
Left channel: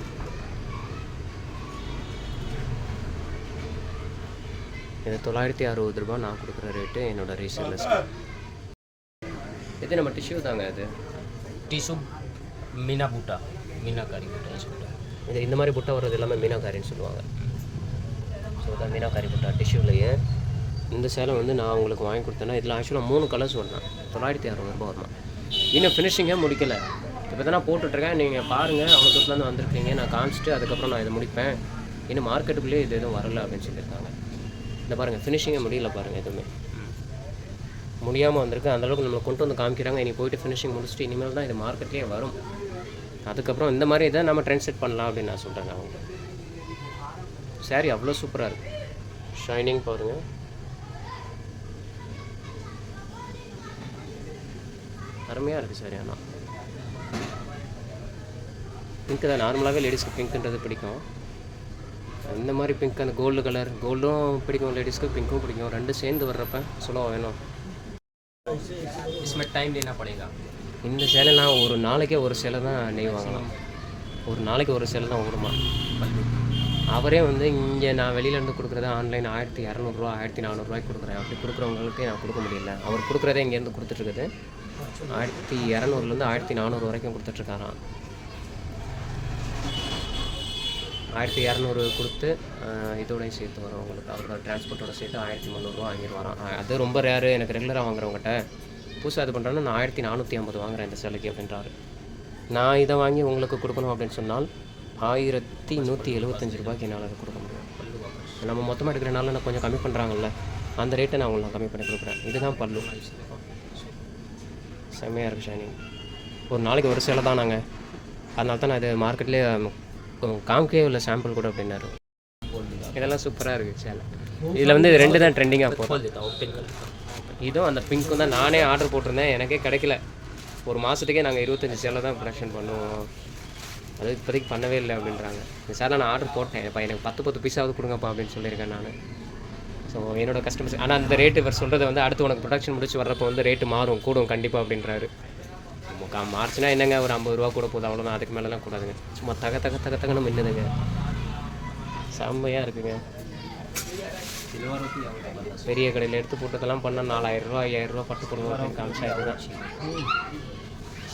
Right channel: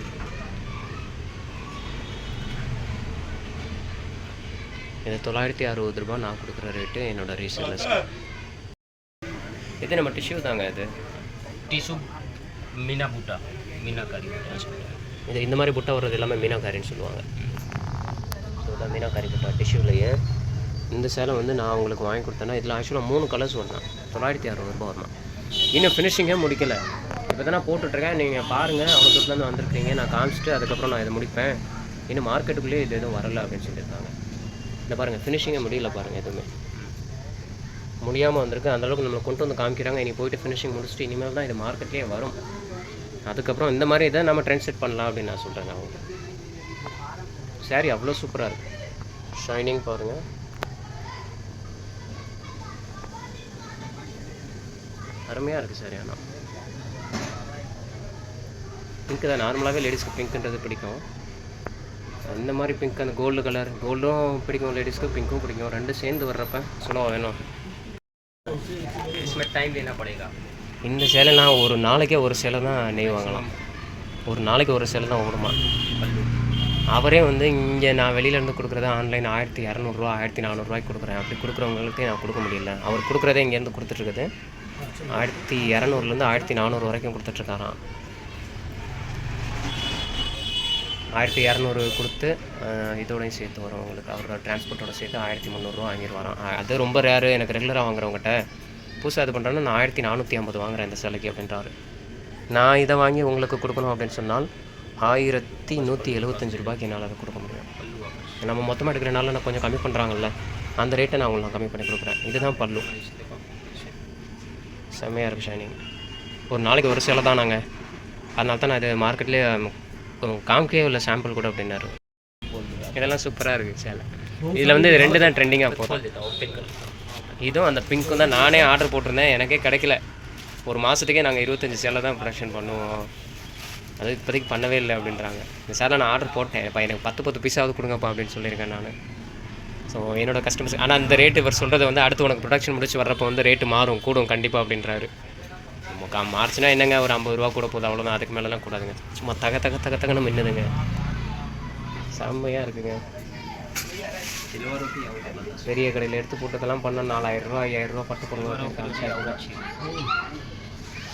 இது 960 ரூபா நான் கொடுக்குற ரேட்டு, என்னோடய ரீசேலர்ஸ். இது நம்ம டிஷ்யூ தாங்க. இது टिशू मीना बूटा, मीनाकारी बूटा. இது இந்த மாதிரி புட்டா வர்றது எல்லாமே மீனாக்காரின்னு சொல்லுவாங்க. ஸோ இதான் மீனாக்காரி புட்டா டிஷ்யூலையே. இந்த சேலை வந்து நான் உங்களுக்கு வாங்கி கொடுத்தேன்னா இதில் ஆக்சுவலாக 3 கலர்ஸ் வரணும். 960 ரூபா வரணும். இன்னும் ஃபினிஷிங்கே முடிக்கலை. இப்போ தான் நான் போட்டுட்ருக்கேன், நீங்கள் பாருங்கள். அவ்வளோ தூரத்துலேருந்து வந்திருக்கீங்க, நான் காமிச்சிட்டு அதுக்கப்புறம் நான் இதை முடிப்பேன். இன்னும் மார்க்கெட்டுக்குள்ளேயே இது எதுவும் வரலை அப்படின்னு சொல்லியிருக்காங்க. இந்த பாருங்கள், ஃபினிஷிங்கே முடியல பாருங்கள், எதுவுமே முடியாமல் வந்திருக்கு. அந்தளவுக்கு நம்மளை கொண்டு வந்து காமிக்கிறாங்க. இனி போய்ட்டு ஃபினிஷிங் முடிச்சுட்டு இனிமேல் தான் இது மார்க்கெட்லேயே வரும். அதுக்கப்புறம் இந்த மாதிரி இதை நம்ம ட்ரெண்ட் செட் பண்ணலாம் அப்படின்னு நான் சொல்கிறேன். அவங்க சாரீ அவ்வளோ சூப்பராக இருக்குது. ஷைனிங் பாருங்கள், அருமையாக இருக்குது சாரி. ஆனால் பிங்க்கு தான், நார்மலாகவே லேடிஸ்க்கு பிங்க்குன்றது பிடிக்கும். இந்த மாதிரி பிங்க், அந்த கோல்டு கலர், கோல்டும் பிடிக்கும் லேடிஸ்க்கு, பிங்க்கும் பிடிக்கும். ரெண்டு சேர்ந்து வர்றப்ப சொல்லுவோம் வேணும். इसमें टाइम लेना पड़ेगा. இந்த சேலைலாம் ஒரு நாளைக்கே ஒரு சேலை தான் நெய்வாங்களாம். ஒரு நாளைக்கு ஒரு சேலை தான் ஓடுமா. அவரே வந்து இங்கே நான் வெளியிலேருந்து கொடுக்குறதா ஆன்லைன் 1200 ரூபா 1400 ரூபாய்க்கு கொடுக்குறேன். அப்படி கொடுக்குறவங்களுக்கு நான் கொடுக்க முடியல. அவர் கொடுக்குறதே இங்கேருந்து கொடுத்துட்ருக்குது 1200லேருந்து 1400 வரைக்கும் கொடுத்துட்ருக்காராம். 1200 கொடுத்து இதோடையும் சேர்த்து வரும் உங்களுக்கு. அவரோட டிரான்ஸ்போர்ட்டோட சேர்த்து 1300 ரூபா வாங்கிடுவாராம். அது ரொம்ப ரேரு. எனக்கு ரெகுலராக வாங்குறவங்ககிட்ட புதுசாக இது பண்ணுறேன்னா நான் 1450 வாங்குகிறேன் இந்த சேலைக்கு அப்படின்றாரு. நான் இதை வாங்கி உங்களுக்கு கொடுக்கணும் அப்படின்னு சொன்னால் 1175 ரூபாய்க்கு என்னால் அதை கொடுக்க முடியும். நம்ம மொத்தமாக எடுக்கிறனால நான் கொஞ்சம் கம்மி பண்ணுறாங்கல்ல, அந்த ரேட்டை நான் உங்களுக்கு கம்மி பண்ணி கொடுக்குறேன். இதுதான் பல்லு, செம்மையாக இருக்குது ஷைனிங். ஒரு நாளைக்கு ஒரு சேலை தான் நாங்கள், அதனால தான் நான் இது மார்க்கெட்லேயே காமிக்கவே இல்லை சாம்பிள் கூட அப்படின்னாரு. இதெல்லாம் சூப்பராக இருக்குது சேலை. இதில் வந்து 2 தான் ட்ரெண்டிங்காக போகிறோம். இதுவும் அந்த பிங்க்கும் தான் நானே ஆர்டர் போட்டிருந்தேன், எனக்கே கிடைக்கல. ஒரு மாதத்துக்கே நாங்கள் 25 சேலை தான் ப்ரொடக்ஷன் பண்ணுவோம், அது இப்போதைக்கு பண்ணவே இல்லை அப்படின்றாங்க. இந்த சேலை நான் ஆர்டர் போட்டேன், இப்போ எனக்கு 10 பீஸாவது கொடுங்கப்பா அப்படின்னு சொல்லியிருக்கேன் நான். ஸோ என்னோடய கஸ்டமர்ஸ், ஆனால் அந்த ரேட்டு இவர் சொல்கிறது வந்து அடுத்து உனக்கு ப்ரொடக்ஷன் முடிச்சு வர்றப்போ வந்து ரேட்டு மாறும், கூடும் கண்டிப்பாக அப்படின்றாரு. மார்ச்னா என்னங்க, ஒரு 50 ரூபா கூட போகுது, அவ்வளோதான். அதுக்கு மேலெலாம் கூடாதுங்க. சும்மா தகன்னு மின்னுதுங்க, செம்மையாக இருக்குங்க. பெரிய கடையில் எடுத்து போட்டதெல்லாம் பண்ணால் 4000 ரூபா 5000 ரூபா பட்டு போடுவோம். காமிச்சாயிரம்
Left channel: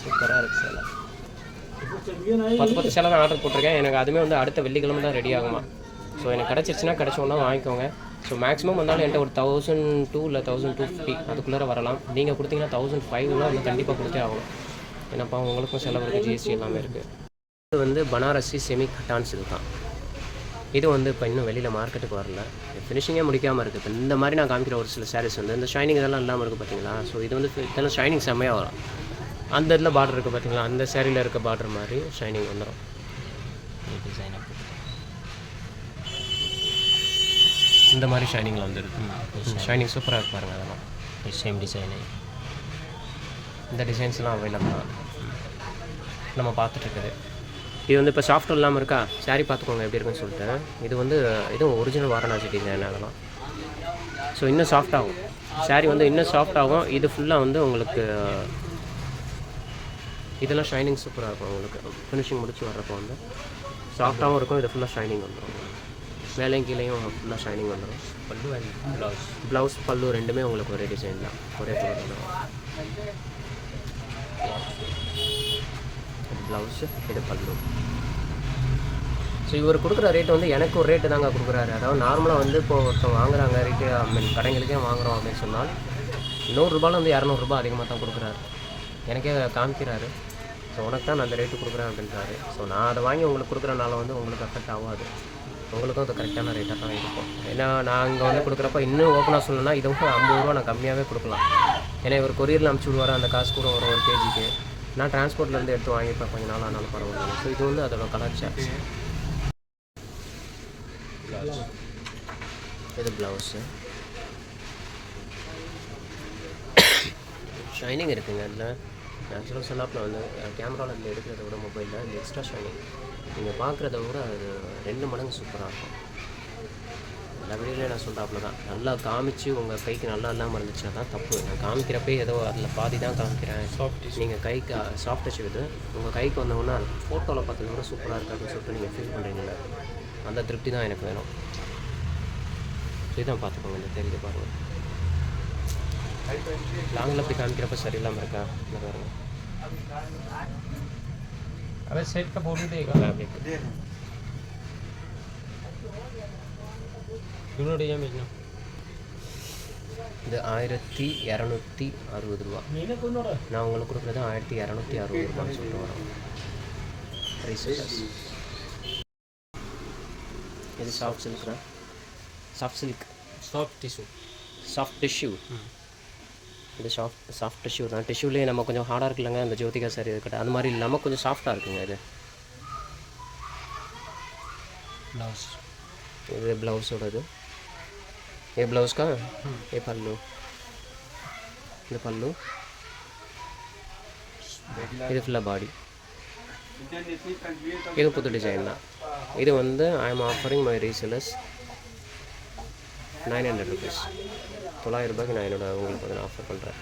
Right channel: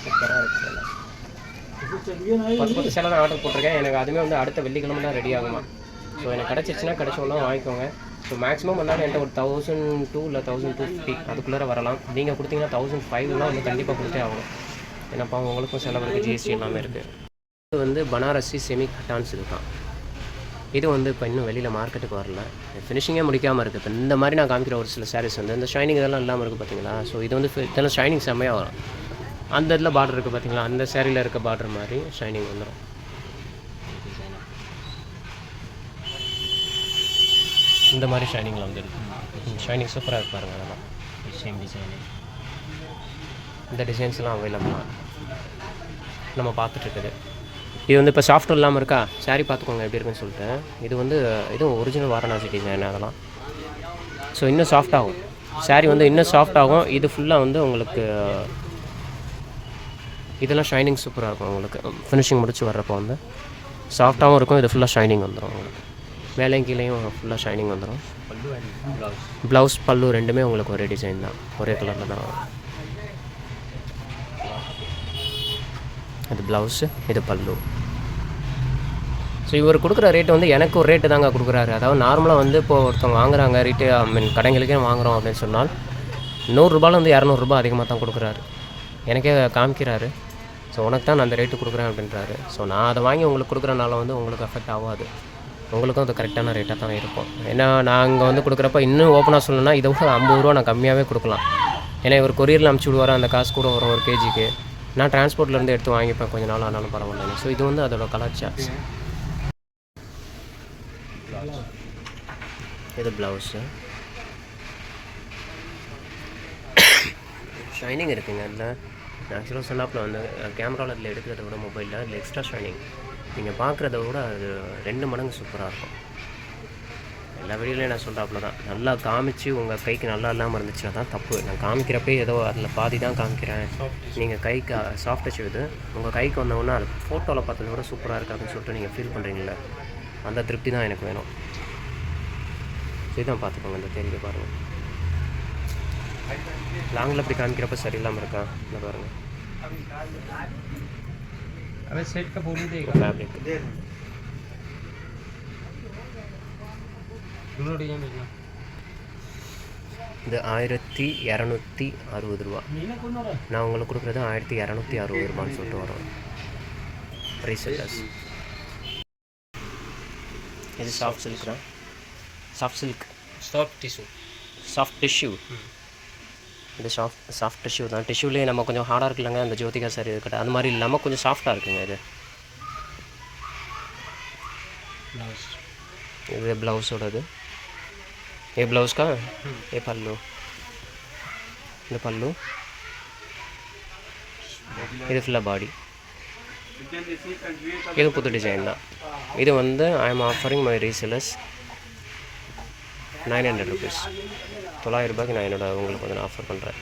சூப்பராக இருக்குது சேலை. 10 சேலை தான் ஆர்டர் போட்டிருக்கேன். எனக்கு அதுவுமே வந்து அடுத்த வெள்ளிக்கிழமை தான் ரெடி ஆகுமா. ஸோ எனக்கு கிடச்சிருச்சுன்னா கிடச்சோன்னா வாங்கிக்கோங்க. ஸோ மேக்ஸிமம் வந்தாலும் என்கிட்ட ஒரு 1002 இல்லை 1250 அதுக்குள்ளே வரலாம். நீங்கள் கொடுத்தீங்கன்னா 1005லாம் வந்து கண்டிப்பாக கொடுத்தே ஆகணும். ஏன்னாப்பா உங்களுக்கும் செலவு இருக்குது, ஜிஎஸ்டி எல்லாமே இருக்குது. இது வந்து பனாரசி செமி கட்டான் சில்க் தான். இது வந்து இப்போ இன்னும் வெளியில் மார்க்கெட்டுக்கு வரல, ஃபினிஷிங்கே முடிக்காமல் இருக்குது. இப்போ இந்த மாதிரி நான் காமிக்கிற ஒரு சில சாரீஸ் வந்து இந்த ஷைனிங் இதெல்லாம் இல்லாமல் இருக்குது பார்த்தீங்களா. ஸோ இது வந்து இதெல்லாம் ஷைனிங் செம்மையாக வரும். அந்த இதில் பார்டர் இருக்குது பார்த்தீங்களா, அந்த சேரீயில் இருக்க பார்டர் மாதிரி ஷைனிங் வந்துடும். இந்த மாதிரி ஷைனிங்கில் வந்துடுது. ஷைனிங் சூப்பராக இருக்கு பாருங்கள். அதெல்லாம் சேம் டிசைன். இந்த டிசைன்ஸ்லாம் அவைலபிளாக நம்ம பார்த்துட்ருக்குது. இது வந்து இப்போ சாஃப்ட் இல்லாமல் இருக்கா, சாரீ பார்த்துக்கோங்க எப்படி இருக்குன்னு சொல்லிட்டு. இது வந்து இதுவும் ஒரிஜினல் வாரணாசி டிசைன் அதெல்லாம். ஸோ இன்னும் சாஃப்ட் ஆகும் சாரீ, வந்து இன்னும் சாஃப்ட் ஆகும். இது ஃபுல்லாக வந்து உங்களுக்கு இதெல்லாம் ஷைனிங் சூப்பராக இருக்கும் உங்களுக்கு. ஃபினிஷிங் முடிச்சு வர்றப்போ வந்து சாஃப்டாகவும் இருக்கும். இது ஃபுல்லாக ஷைனிங் வந்துடும் உங்களுக்கு. மேலேயும் கீழேயும் ஃபுல்லாக ஷைனிங் வந்துடும். பல்லு அண்ட் ப்ளவுஸ். ப்ளவுஸ் பல்லு ரெண்டுமே உங்களுக்கு ஒரே டிசைன் தான், ஒரே கலரில் தான் வரும். இது ப்ளவுஸு, இது பல்லு. ஸோ இவர் கொடுக்குற ரேட்டு வந்து எனக்கு ஒரு ரேட்டு தாங்க கொடுக்குறாரு. அதாவது நார்மலாக வந்து இப்போது ஒருத்தவங்க வாங்குறாங்க ரேட்டு, ஐ மீன் கடைங்களுக்கே வாங்குகிறோம் அப்படின்னு சொன்னால் 100 200 அதிகமாக தான் கொடுக்குறாரு. எனக்கே காமிக்கிறாரு. ஸோ உனக்கு தான் நான் அந்த ரேட்டு கொடுக்குறேன் அப்படின்றாரு. ஸோ நான் அதை வாங்கி உங்களுக்கு கொடுக்குறனால வந்து உங்களுக்கு அஃபெக்ட் ஆகாது, உங்களுக்கும் அது கரெக்டான ரேட்டாக தான் இருக்கும். ஏன்னா நான் இங்கே வந்து கொடுக்குறப்ப இன்னும் ஓப்பனாக சொல்லணும்னா இதை 50 ரூபா நான் கம்மியாகவே கொடுக்கலாம். ஏன்னா இவர் கொரியரில் அனுப்பிச்சி விடுவார், அந்த காசு கூட வரும் 1 kgக்கு. நான் டிரான்ஸ்போர்ட்லேருந்து எடுத்து வாங்கிப்பேன், கொஞ்சம் நாள் ஆனாலும் பரவாயில்ல. ஸோ இது வந்து அதோட கலாச்சாரம். இது ப்ளவுஸு ஷைனிங் இருக்குங்க. அதில் ஆக்சுவலாக சொன்னாப்பில் வந்து கேமராவில் அதில் எடுக்கிறத விட மொபைலில் அதில் எக்ஸ்ட்ரா ஷைனிங் நீங்கள் பார்க்குறத விட அது 2 மடங்கு சூப்பராக இருக்கும். எல்லா வீடியோலையும் நான் சொல்கிறாப்புல தான், நல்லா காமிச்சு உங்கள் கைக்கு நல்லா இல்லாமல் இருந்துச்சு அதான் தப்பு. நான் காமிக்கிறப்பே ஏதோ அதில் பாதி தான் காமிக்கிறேன். நீங்கள் கைக்கு சாஃப்ட் டச் இது உங்கள் கைக்கு வந்தோன்னா அது ஃபோட்டோவில் பார்த்ததை விட சூப்பராக இருக்குது அப்படின்னு சொல்லிட்டு நீங்கள் ஃபீல் பண்ணுறீங்களே, அந்த திருப்தி தான் எனக்கு வேணும். இதுதான் பார்த்துக்கோங்க, இந்த தெரியுது பாருங்கள். லாங்கில் அப்படி காமிக்கிறப்ப சரியில்லாமல் இருக்கா, இந்த பாருங்கள். सेट का फोटो देगा फैब्रिक दोनों डिजाइन में இது 1260 ரூபா. நான் உங்களுக்கு கொடுக்குறது 1260 ரூபான்னு சொல்லிட்டு வரும். ரீசெல்லர்ஸ். இது சாஃப்ட் சில்க் தான், சாஃப்ட் சில்க், சாஃப்ட் டிஷ்யூ. இது சாஃப்ட் டிஷ்யூ தான். டிஷ்யூலேயே நம்ம கொஞ்சம் ஹார்டாக இருக்குல்லங்க அந்த ஜோதிகா சாரி இருக்கட்டும், அது மாதிரி இல்லாமல் கொஞ்சம் சாஃப்டாக இருக்குங்க. இது ப்ளவுஸோடது. ये ब्लाउज का ये पल्लू, ये पल्लू, இது ஃபுல்லாக பாடி. இது புது டிசைன் தான். இது வந்து I am offering my resellers 900 rupees. 900 ரூபாய்க்கு நான் என்னோட உங்களுக்கு வந்து ஆஃபர் பண்ணுறேன்.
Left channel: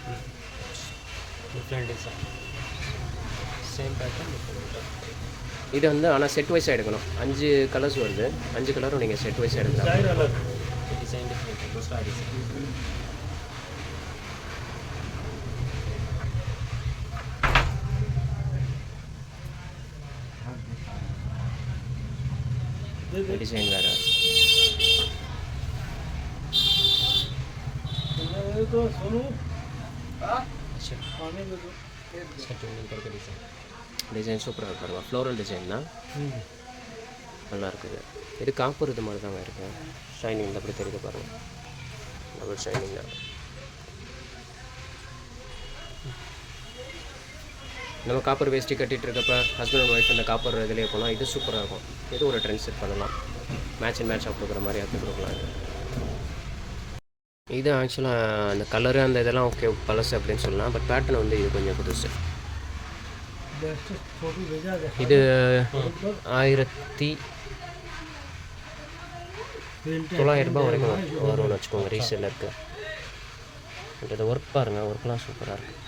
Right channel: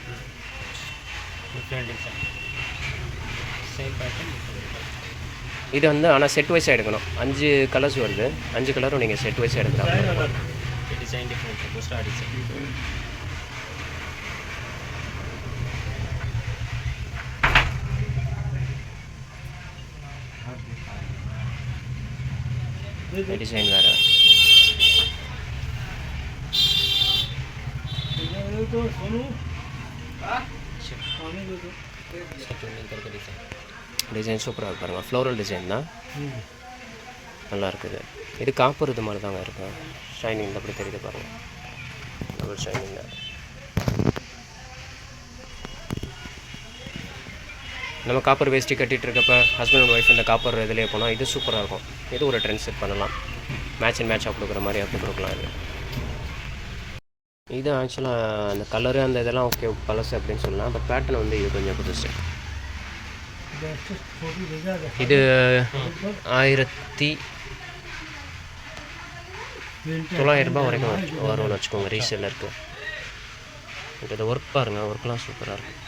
இது வந்து ஆனால் செட் வைஸாக எடுக்கணும். 5 கலர்ஸ் வருது, 5 கலரும் நீங்கள் செட் வைஸாக எடுக்கலாம். डिजाइन डिफरेंट है, दूसरा डिजाइन. डिजाइन வேறு. டிசைன் சூப்பராக பாருங்கள், ஃப்ளோரல் டிசைன் தான், நல்லா இருக்குது. இது காப்பர் இது மாதிரி தாங்க இருக்கும். ஷைனிங் அப்படி தெரியுது பாருங்கள், டபுள் ஷைனிங் தான். நம்ம காப்பர் வேஸ்ட்டி கட்டிகிட்டு இருக்கப்போ ஹஸ்பண்ட் அண்ட் ஒய்ஃப் இந்த காப்பர் இதிலே போனால் இது சூப்பராக இருக்கும். இது ஒரு ட்ரெண்ட் செட் பண்ணலாம், மேட்ச் அண்ட் மேட்சாக கொடுக்குற மாதிரி அப்படி கொடுக்கலாம். இது ஆக்சுவலாக அந்த கலரு அந்த இதெல்லாம் ஓகே பழசு அப்படின்னு சொல்லலாம். பட் பேட்டர்ன் வந்து இது கொஞ்சம் புதுசு. இது 1900 ரூபாய் வரைக்கும் வரும்னு வச்சுக்கோங்க ரீசேலருக்கு. இது ஒர்க் பாருங்கள், ஒர்க்லாம் சூப்பராக இருக்குது.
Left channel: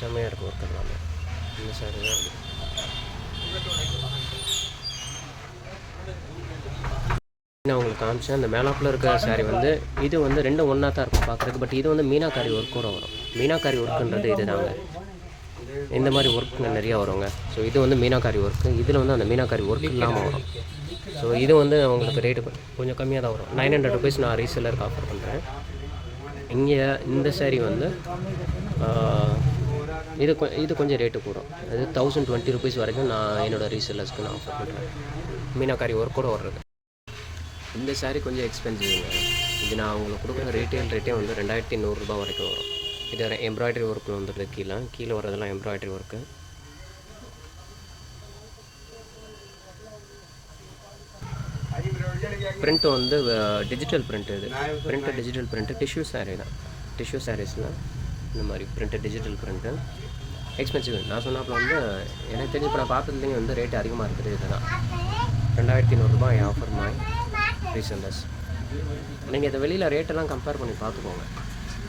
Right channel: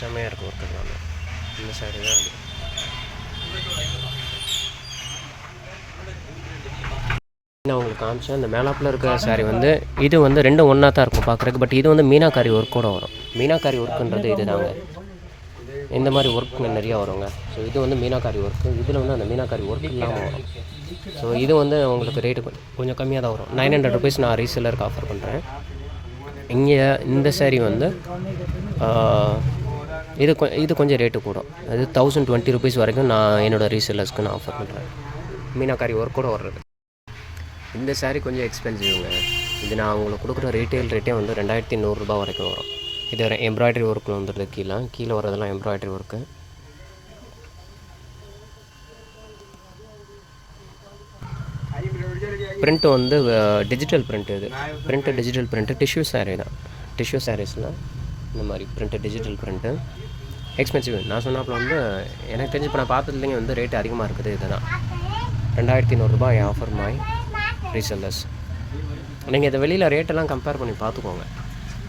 செம்மையாக இருக்கும் ஒர்க் எல்லாமே. இந்த சாரி தான் இருக்குது. நான் உங்களுக்கு காமிச்சேன் அந்த மேலாப்பில் இருக்கிற சாரி வந்து இது வந்து ரெண்டும் ஒன்றா தான் இருக்கும் பார்க்குறதுக்கு. பட் இது வந்து மீனாக்காரி ஒர்க்கோடு வரும். மீனாக்காரி ஒர்க்குன்றது இது தாங்க, இந்த மாதிரி ஒர்க் நிறையா வருங்க. ஸோ இது வந்து மீனாக்காரி ஒர்க்கு, இதில் வந்து அந்த மீனாக்காரி ஒர்க் இல்லாமல் வரும். ஸோ இது வந்து உங்களுக்கு ரேட்டு கொஞ்சம் கம்மியாக தான் வரும். 900 rupees நான் ரீசெல்லருக்கு ஆஃபர் பண்ணுறேன். இங்கே இந்த சாரீ வந்து இது கொஞ்சம் ரேட்டு கூடும். அது 1020 rupees வரைக்கும் நான் என்னோடய ரீசெல்லர்ஸ்க்கு நான் ஆஃபர் பண்ணுறேன். மீனாக்காரி ஒர்க்கோடு வர்றது. இந்த சாரீ கொஞ்சம் எக்ஸ்பென்சிவ்ங்க. இது நான் உங்களுக்கு கொடுக்குற ரீட்டெயில் ரேட்டே வந்து 2100 ரூபா வரைக்கும் வரும். இது எம்ப்ராய்டரி ஒர்க்கு வந்துடுது. கீழே வரதெல்லாம் எம்ப்ராய்டரி ஒர்க்கு. பிரிண்ட்டு வந்து டிஜிட்டல் பிரிண்ட்டு. இது print digital print. Tissue sari தான். டிஷ்யூ சாரீஸ்னால் இந்த மாதிரி பிரிண்ட்டு டிஜிட்டல் பிரிண்ட்டு எக்ஸ்பென்சிவ். நான் சொன்னாப்பில் வந்து எனக்கு தெரிஞ்சு இப்போ நான் பார்த்ததுலேயும் வந்து ரேட்டு அதிகமாக இருக்குது. இதுதான் 2100 ரூபாய் ஆஃபர் மாதிரி ரீசெல்லர்ஸ். நீங்கள் இதை வெளியில் ரேட்டெல்லாம் கம்பேர் பண்ணி பார்த்துக்கோங்க.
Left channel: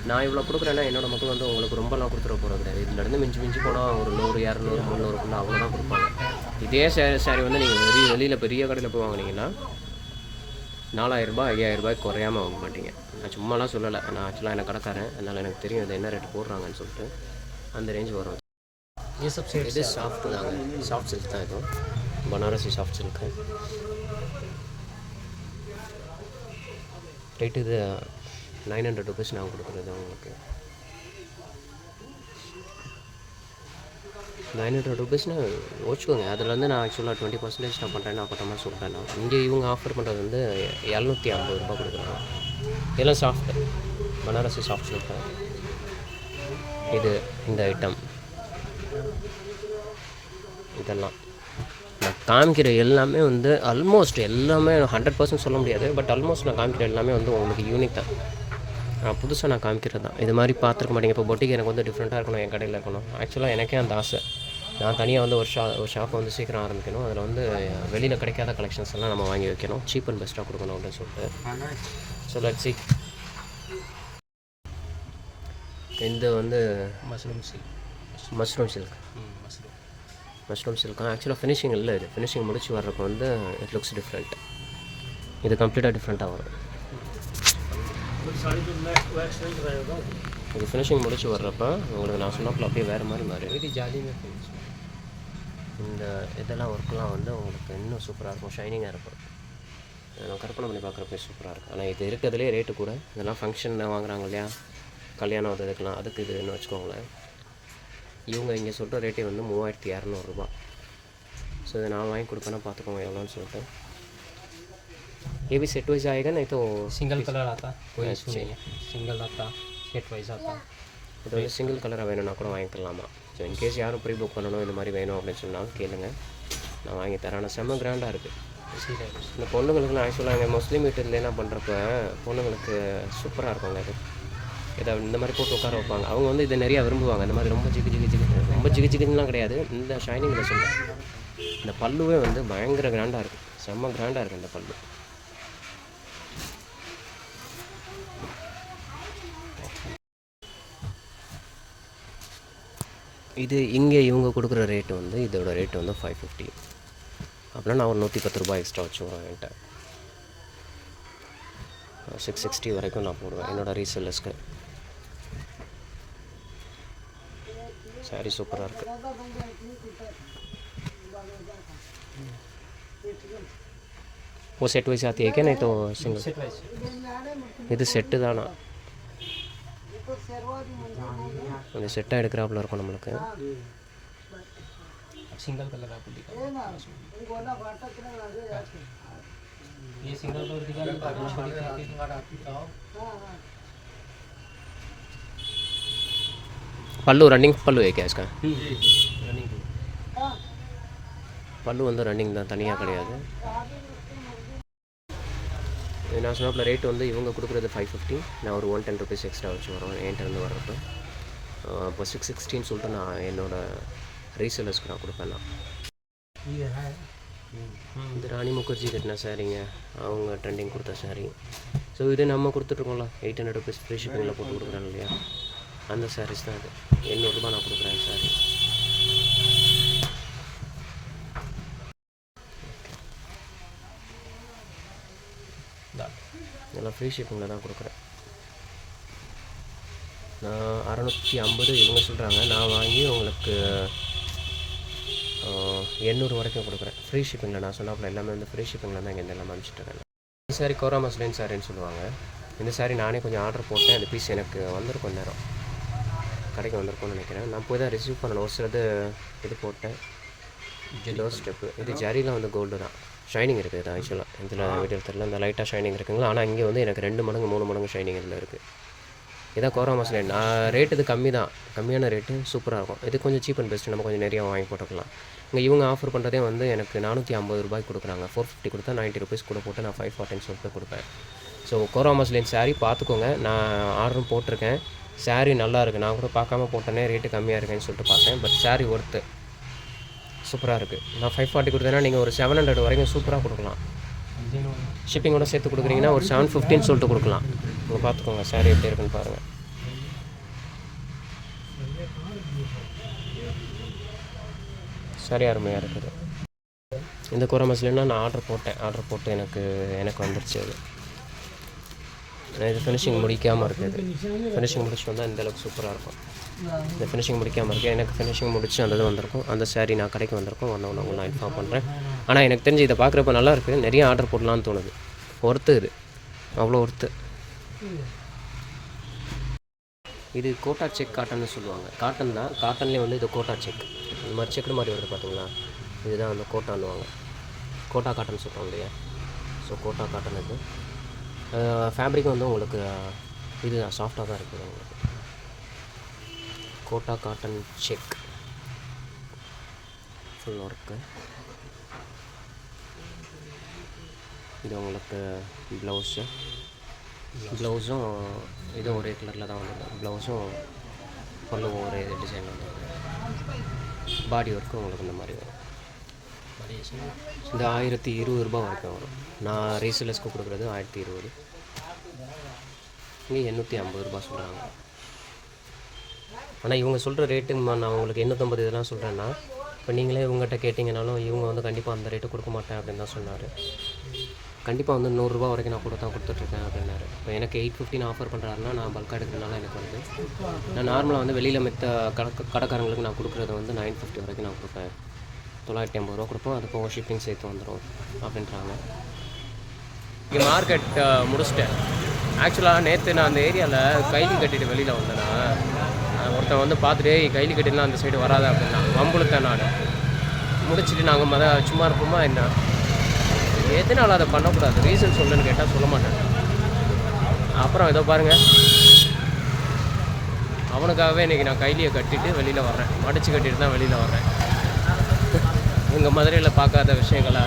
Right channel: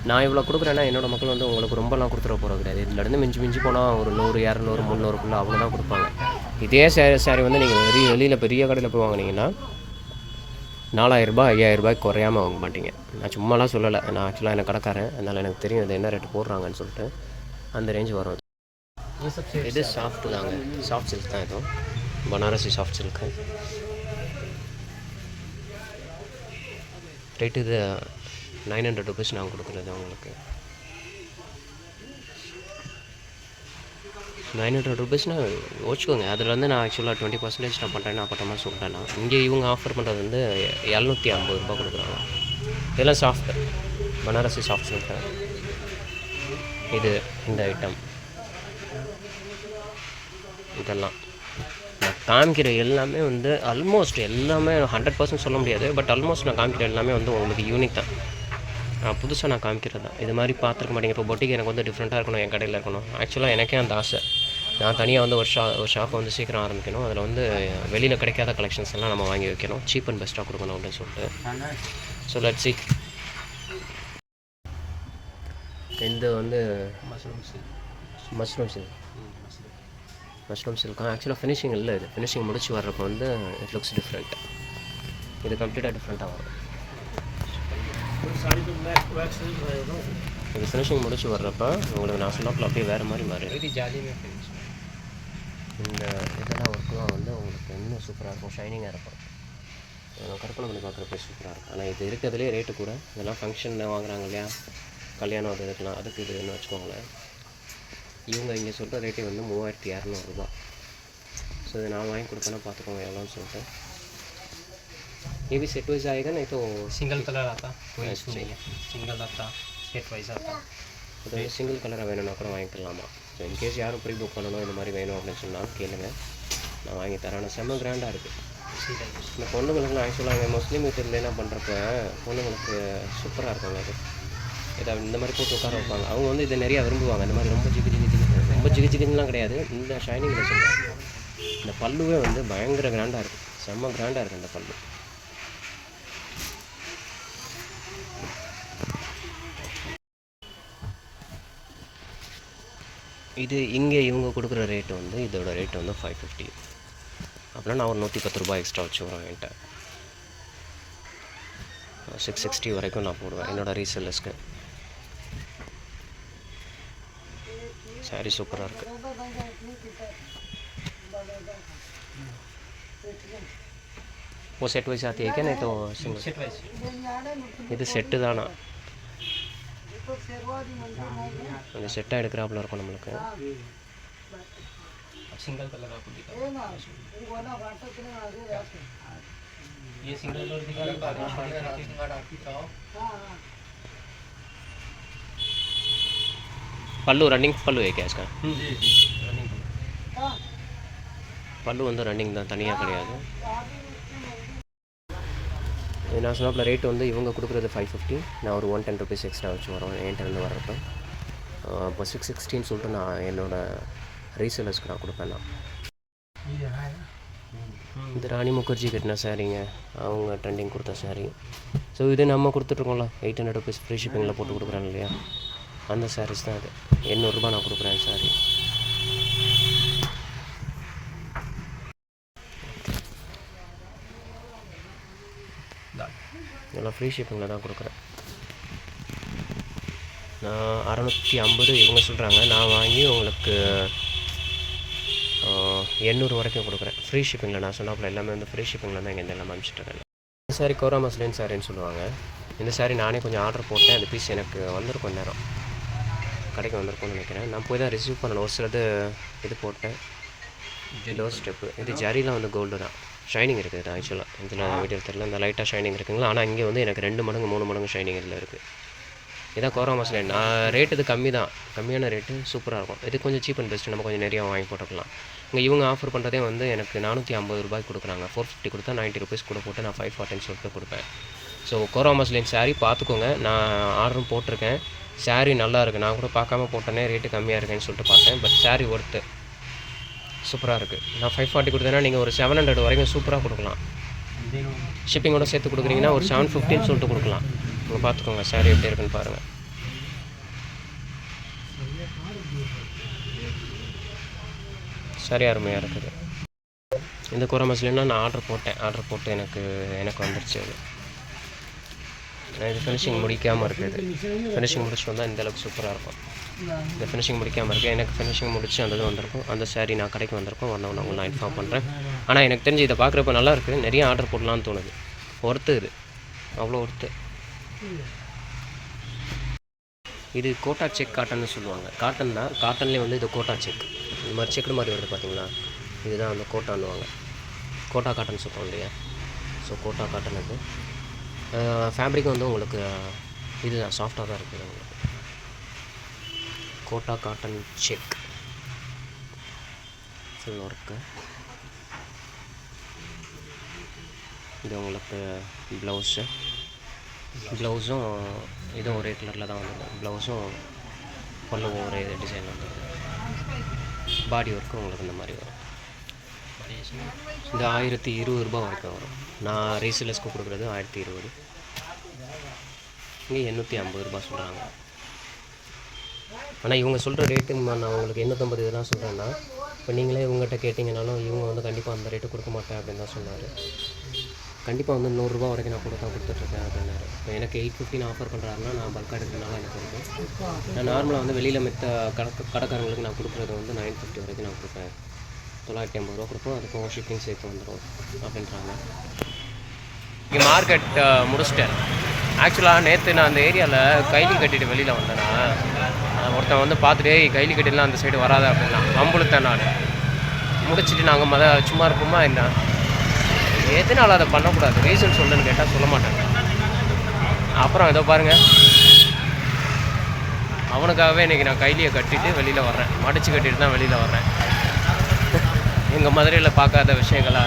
நான் இவ்வளோ கொடுக்குறேன்னா என்னோட மக்கள் வந்து உங்களுக்கு ரொம்பலாம் கொடுத்துட போகிறது கிடையாது. இதுலேருந்து மிஞ்சி போனால் ஒரு 100, 200, 300 அவ்வளோதான் கொடுப்பாங்க. இதே சாரி வந்து நீங்கள் வெளியில் பெரிய கடையில் போய் வாங்கினீங்கன்னா 4000 5000 குறையாமல் வாங்க மாட்டீங்க. நான் சும்மாலாம் சொல்லலை, நான் ஆக்சுவலாக எனக்கு கடைக்காரன், அதனால் எனக்கு தெரியும் இது என்ன ரேட்டு போடுறாங்கன்னு சொல்லிட்டு. அந்த ரேஞ்ச் வரும். இது சாஃப்ட் தாங்க, சாஃப்ட் சில்க் தான். இதுவும் பனாரசி சாஃப்ட் சில்க்கு. ரேட்டு இது 900 ருபீஸ் நான் கொடுக்குறது உங்களுக்கு. 900 ருபீஸ்னால் வச்சுக்கோங்க. அதில் வந்து நான் ஆக்சுவலாக 20% நான் பண்ணுறேன், நான் பண்ணுற மாதிரி சொல்லிட்டேன். நான் இங்கே இவங்க ஆஃபர் பண்ணுறது வந்து 750 கொடுக்குறாங்க. இதெல்லாம் சாஃப்ட் பனாரசி சாஃப்ட் சில்க்கு. இது இந்த ஐட்டம் இதெல்லாம் நான் காமிக்கிற எல்லாமே வந்து ஆல்மோஸ்ட் எல்லாமே 100% சொல்ல முடியாது, பட் ஆல்மோஸ்ட் நான் காமிக்கிற எல்லாமே வந்து உங்களுக்கு யூனிக் தான். புதுசாக நான் காமிக்கிறது தான். இது மாதிரி பார்த்துருக்க மாட்டேங்க. இப்போ பொட்டிக்கு எனக்கு வந்து டிஃப்ரெண்ட்டாக இருக்கணும், என் கடையில் இருக்கணும். ஆக்சுவலாக எனக்கே அந்த ஆசை. நான் தனியாக வந்து ஒரு ஷாப்பை வந்து சீக்கிரம் ஆரம்பிக்கணும். அதில் வந்து வெளியில் கிடைக்காத கலெக்ஷன்ஸ் எல்லாம் நம்ம வாங்கி வைக்கணும், சீப் அண்ட் பெஸ்ட்டாக கொடுக்கணும் அப்படின்னு சொல்லிட்டு. So let's see. இந்த வந்து மஷ்ரூம் சில்க் ஆக்சுவலாக ஃபினிஷிங் இல்லை. இது ஃபினிஷிங் முடிச்சு வர்றப்போ வந்து இட் லுக்ஸ் டிஃப்ரெண்ட். இது கம்ப்ளீட்டாக டிஃப்ரெண்ட்டாக வரும். இது ஃபினிஷிங் முடிச்சு வர்றப்போ உங்களுக்கு நான் சொன்னாப்பில் அப்படியே வேறு மாதிரி மாறி. இந்த இதெல்லாம் ஒர்க்கெலாம் வந்து உங்களுக்கு இன்னும் சூப்பராக இருக்கும், ஷைனிங்காக இருக்கும். நான் கற்பனை பண்ணி பார்க்குறப்ப சூப்பராக இருக்கும். ஆனால் இது இருக்கிறதுலே ரேட்டு கூட. இதெல்லாம் ஃபங்க்ஷனில் வாங்குறாங்க இல்லையா, கல்யாணம் அது இதுக்கெலாம், அதுக்கு இதுன்னு வச்சுக்கோங்களேன். இவங்க இங்கே சொல்கிற ரேட்டே வந்து 3200 ரூபா. ஸோ இதை நான் வாங்கி கொடுப்பேன்னா பார்த்துக்கோங்க எவ்வளோன்னு சொல்லிட்டு. ये भी सेट वाइज आएगा, नहीं तो सिंगल कलर आता है, सिंगल आता है, सेट वाइज आता है. இது வந்து சிங்கிள் கலராக வேணும்னா கூட வாங்கிக்கலாமா. ஸோ இன்கேஸ் யாரும் ப்ரீ புக் பண்ணணும் இந்த மாதிரி வேணும் அப்படின்னு சொன்னாலும் கேளுங்க, நான் வாங்கி தரேன். ஆனால் செம்ம கிராண்டாக இருக்குது. இந்த பொண்ணுங்களுக்குலாம் ஆக்சுவலாக இங்கே முஸ்லீம் வீட்டில் என்ன பண்ணுறப்ப பொண்ணுங்களுக்கு சூப்பராக இருக்குங்க. இது இதை இந்த மாதிரி போட்டு உட்கார வைப்பாங்க. அவங்க வந்து இதை நிறையா விரும்புவாங்க. இந்த மாதிரி ரொம்ப ஜிகுஜிகுலாம் கிடையாது. இந்த ஷைனிங்கில் சொல்கிறேன். இந்த பல்லுவே வந்து பயங்கர கிராண்டாக இருக்குது, செம்ம கிராண்டாக இருக்குது இந்த பல்லு. இது இங்கே இவங்க கொடுக்குற ரேட்டு வந்து இதோட ரேட்டு வந்து 550. அப்படின்னா நான் ஒரு 110 ரூபாய் எக்ஸ்ட்ரா வச்சு வருவேன். என்கிட்ட 660 வரைக்கும் நான் போடுவேன் என்னோடய ரீசெல்லர்ஸ்க்கு. சாரி சூப்பராக இருக்குது. वो सेट वैसे आती है क्या, नहीं तो सिंगल? இது செட்டு தானா? அந்த செட்டாக எடுக்கிறாப்புல இருக்கும் நம்மளுக்கு. सिंगल कलर आपको दिखा, ये सिंगल कलर दिखा. पल्लू रनिंग पल्लू है क्या इसका? रनिंग பல்லு வந்து ரன்னிங் தான், தனியாக கிடையாது. நான் சொன்னாப்பில் ரேட்டு வந்து இவங்க கொடுக்குறது 550. நான் ஒரு 110 ருபீஸ் எக்ஸ்ட்ரா வச்சு வரோம் என்கிட்டருந்து வர்றப்போ. இப்போ 660 சொல்லிட்டு நான் என்னோடய ரீசெலர்ஸ்க்கு நான் கொடுப்பேன். நான் இது ராணி முகர்ஜி கட்டின சாரீங்க, அவங்க ட்ரெண்டிங் கொடுத்த சாரீ. ஸோ இது நம்ம கொடுத்துட்ருக்கோம்ல 800 ருபீஸ் ஃப்ரீ ஷிப்பிங்கில் போட்டு கொடுக்குறாங்க இல்லையா, அந்த சாரீஸ் தான் இது. 800 ரூபா நான் கொடுக்குறேன் சாரீ. இதெல்லாம் ஃப்ரீ ஷிப்பிங்கில் தான் கொடுக்குறேன். நான் 650 இவங்க சொல்கிறாங்க, நான் வாங்கி உங்களுக்கு 800 வரைக்கும் கொடுக்குறேன் ஃப்ரீ ஷிப்பிங்கில். நான் சொன்னாப்பில் எல்லாமே வந்து ஃப்ரீ ஷிப்பிங்கில் தான் இங்கே எல்லாம் அனுப்பிச்சிட்ருக்கேன். இந்த சாரி கோரா மஸ்லின் சாரின்னு சொல்லுவாங்க. இந்த சாரி நானே கொஞ்சம் ஆர்டர் போட்டேன். அந்த பீஸ் எனக்கு வந்திருக்கும் நேரம், கடைக்கு வந்திருக்கும்னு நினைக்கிறேன். நான் போய் தான் ரிசீவ் பண்ணணும். ஒரு சிலது இது போட்டேன், டோர் ஸ்டெப்பு. இது ஜரிலாம் வந்து கோல்டு தான், ஷைனிங் இருக்குது. இது ஆக்சுவலாக இதில் வீடியோ தெரியல, இந்த லைட்டாக ஷைனிங் இருக்குங்களா. ஆனால் இங்கே வந்து எனக்கு 2 மடங்கு 3 மடங்கு ஷைனிங் இதில் இருக்குது. இதான் கோரா மஸ்லின். ரேட்டு இது கம்மி தான், கம்மியான ரேட்டு, சூப்பராக இருக்கும். இது கொஞ்சம் சீப் அண்ட் பெஸ்ட்டு, நம்ம கொஞ்சம் நிறையா வாங்கி போட்டுக்கலாம். இங்கே இவங்க ஆஃபர் பண்ணுறதே வந்து எனக்கு 450 ரூபாய்க்கு கொடுக்குறாங்க. 450 கொடுத்தா 90 ருபீஸ் கூட போட்டு நான் 540 சொல்லிட்டு கொடுப்பேன். ஸோ கோரா மஸ்லின் சாரீ பார்த்துக்கோங்க. நான் ஆர்டரும் போட்டிருக்கேன். சாரீ நல்லா இருக்குது. நான் கூட பார்க்காம போட்டேனே ரேட்டு கம்மியாக இருக்குன்னு சொல்லிட்டு பார்த்தேன். பட் சாரீ ஒர்த்து, சூப்பராக இருக்குது. நான் 540 கொடுத்தேன்னா நீங்கள் ஒரு 700 வரைக்கும் சூப்பராக கொடுக்கலாம். ஷிப்பிங்கோட சேர்த்து கொடுக்குறீங்கன்னா ஒரு 750 சொல்லிட்டு கொடுக்கலாம். நீங்கள் பார்த்துக்கோங்க சாரீ எப்படி இருக்குன்னு பாருங்கள். சரி அருமையாக இருக்குது. இந்த கோரா மஸ்லின்னா நான் ஆர்டர் போட்டு எனக்கு வந்துருச்சு. அது இது ஃபினிஷிங் முடிக்காமல் இருக்குது. ஃபினிஷிங் முடிச்சுட்டு வந்தால் இந்தளவுக்கு சூப்பராக இருக்கும். இந்த ஃபினிஷிங் முடிக்காமல் இருக்குது. எனக்கு ஃபினிஷிங் முடிச்சு அந்த இது வந்திருக்கும். அந்த சாரீ நான் கடைக்கு வந்திருக்கும். ஒன்று நான் இன்ஃபார்ம் பண்ணுறேன். ஆனால் எனக்கு தெரிஞ்சு இதை பார்க்குறப்ப நல்லாயிருக்கு. நிறைய ஆர்டர் போடலான்னு தோணுது. ஒர்த்து இது, அவ்வளோ ஒர்த்து. இது கோட்டா செக் காட்டன்னு சொல்லுவாங்க. காட்டன் தான், காட்டன்லேயே வந்து இது கோட்டா செக். இந்த மாதிரி செக்குடு மாதிரி வருது பார்த்தீங்களா, இதுதான் அந்த கோட்டான்னுவாங்க. கோட்டா காட்டன் சொல்லுவோம் இல்லையா, ஸோ கோட்டா காட்டன் இது. ஃபேப்ரிக் வந்து உங்களுக்கு இதுதான், சாஃப்டாக தான் இருக்குது உங்களுக்கு. Kota cotton check full work. இது உங்களுக்கு ப்ளவுஸும் இதுவும் ஒரே கலரில் தான் வந்தது. ப்ளவுஸும் பல்லுவும் ஒரே டிசைனில் வந்தது. பாடி ஒர்க்கு உங்களுக்கு இந்த மாதிரி வரும். இந்த 1020 ரூபா வரைக்கும் வரும். நான் ரீசேலர்ஸ்க்கு கொடுக்குறது 1020. இங்கே 850 ரூபா சொல்கிறாங்க. ஆனால் இவங்க சொல்கிற ரேட்டு நான் உங்களுக்கு 850 இதெல்லாம் சொல்கிறேன்னா, இப்போ நீங்களே இவங்ககிட்ட கேட்டிங்கனாலும் இவங்க வந்து கண்டிப்பாக அந்த ரேட்டு கொடுக்க மாட்டேன் அப்படின்னு தான் சொன்னார். கண்டிப்பாக வந்து 100 ரூபா வரைக்கும் நான் கொடுத்துட்ருக்கேன் அப்படின்னாரு. இப்போ எனக்கு 850 ஆஃபர் பண்ணுறாருன்னா நான் பல்காக எடுக்கிறதுனால எனக்கு வந்து நான் நார்மலாக வந்து வெளியில் மற்ற கடைக்காரங்களுக்கு நான் கொடுக்குறது வந்து 950 வரைக்கும் நான் கொடுப்பேன். 950 ரூபா கொடுப்போம். அது போக ஷிப்பிங் சேர்த்து வந்துடும் அப்படின்றாங்க. இங்கே மார்க்கெட் முடிச்சிட்டேன். ஆக்சுவலாக நேற்று நான் அந்த ஏரியாவில் கைலி கட்டிட்டு வெளியில் வந்தேன்னா, ஒருத்தன் வந்து பார்த்துட்டு கைலி கட்டிலாம் அந்த சைடு வராத அப்படின்னா வம்புழுத்தேன். நான் முடிச்சுட்டு நாங்கள் சும்மா இருப்போமா என்ன, எதனால் அதை பண்ணக்கூடாது ரீசன் சொல்லுன்னு கேட்டால் சொல்ல மாட்டாங்க. அப்புறம் ஏதோ பாருங்கள், அவனுக்காகவே இன்றைக்கி நான் கைலியை கட்டிட்டு வெளியில் வர்றேன். மடித்து கட்டிட்டு தான் வெளியில் வர்றேன். எங்கள் மதுரையில் பார்க்காத விஷயங்களா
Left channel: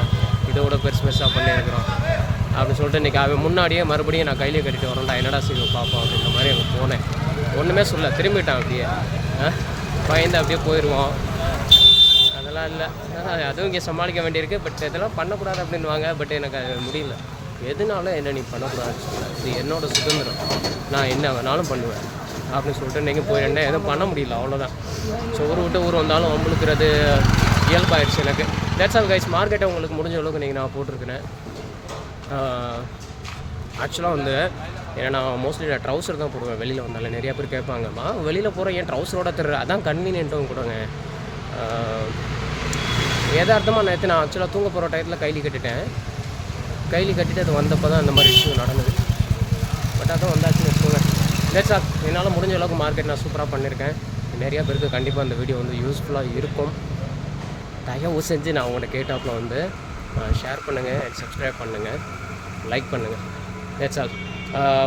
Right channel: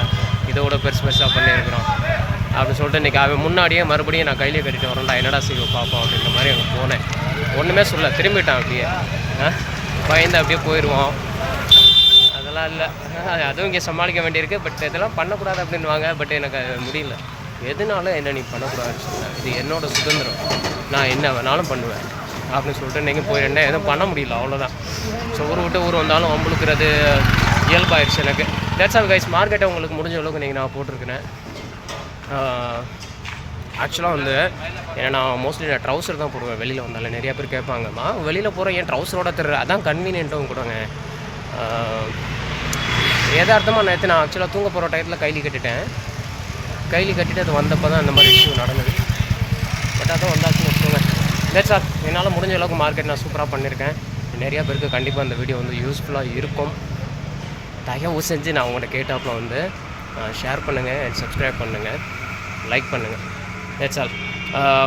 இதோட பெருசாக பண்ணியிருக்கிறோம் அப்படின்னு சொல்லிட்டு இன்றைக்கி அவன் முன்னாடியே மறுபடியும் நான் கைலியை கட்டிட்டு வரேன்டா, என்னடா செய்வோம் பார்ப்போம் அப்படின்ற மாதிரி அங்கே போனேன். ஒன்றுமே சொல்ல, திரும்பிட்டான். அப்படியே பயந்து அப்படியே போயிடுவோம். அதெல்லாம் இல்லை, அதுவும் இங்கே சமாளிக்க வேண்டியிருக்கு. பட் இதெல்லாம் பண்ணக்கூடாது அப்படின்வாங்க. பட் எனக்கு அது முடியல. எதுனால என்ன நீ பண்ணக்கூடாதுன்னு சொன்னேன். இது என்னோடய சுதந்திரம், நான் என்ன வேணாலும் பண்ணுவேன் அப்படின்னு சொல்லிட்டு நீங்கள் போயிடுறேன். எதுவும் பண்ண முடியல, அவ்வளோதான். ஸோ ஊர் விட்டு ஊர் வந்தாலும் வம்புழுக்கிறது இயல்பாயிடுச்சு எனக்கு. That's all guys. மார்க்கெட்டை உங்களுக்கு முடிஞ்ச அளவுக்கு நீங்கள் நான் போட்டிருக்கிறேன். ஆக்சுவலாக வந்து ஏன்னா நான் மோஸ்ட்லி நான் ட்ரௌசர் தான் போடுவேன். வெளியில் வந்தாலும் நிறையா பேர் கேட்பாங்கம்மா, வெளியில் போகிறேன் ஏன் ட்ரௌசரோட தர்ற, அதான் கன்வீனியன்ட்டும் கூடங்க. யதார்த்தமாக நேற்று நான் ஆக்சுவலாக தூங்க போகிற டயத்தில் கைலி கட்டிட்டு அது வந்தப்போ தான் அந்த மாதிரி இஷ்யூ நடந்தது. பட் அதான் வந்தாச்சுன்னு வச்சுக்கோங்க. That's all. என்னால் முடிஞ்ச அளவுக்கு மார்க்கெட் நான் சூப்பராக பண்ணியிருக்கேன். நிறையா பேருக்கு கண்டிப்பாக அந்த வீடியோ வந்து யூஸ்ஃபுல்லாக இருக்கும். தயவு செஞ்சு நான் உங்கள்கிட்ட கேட்டாப்பில் வந்து ஷேர் பண்ணுங்கள், சப்ஸ்கிரைப் பண்ணுங்கள், லைக் பண்ணுங்கள். That's all.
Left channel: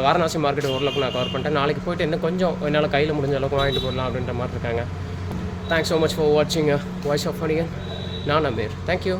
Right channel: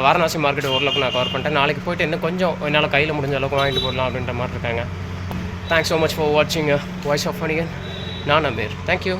வாரணாசி மார்க்கெட் ஓரளவுக்கு நான் கவர் பண்ணிட்டேன். நாளைக்கு போய்ட்டு இன்னும் கொஞ்சம் என்னால் கையில் முடிஞ்ச அளவுக்கு வாங்கிட்டு போடலாம் அப்படின்ற மாதிரி இருக்காங்க. தேங்க்ஸ் ஸோ மச் ஃபார் வாட்சிங் வாய்ஸ் ஆஃப் ஃபனிகன். நான் அமீர். தேங்க்யூ.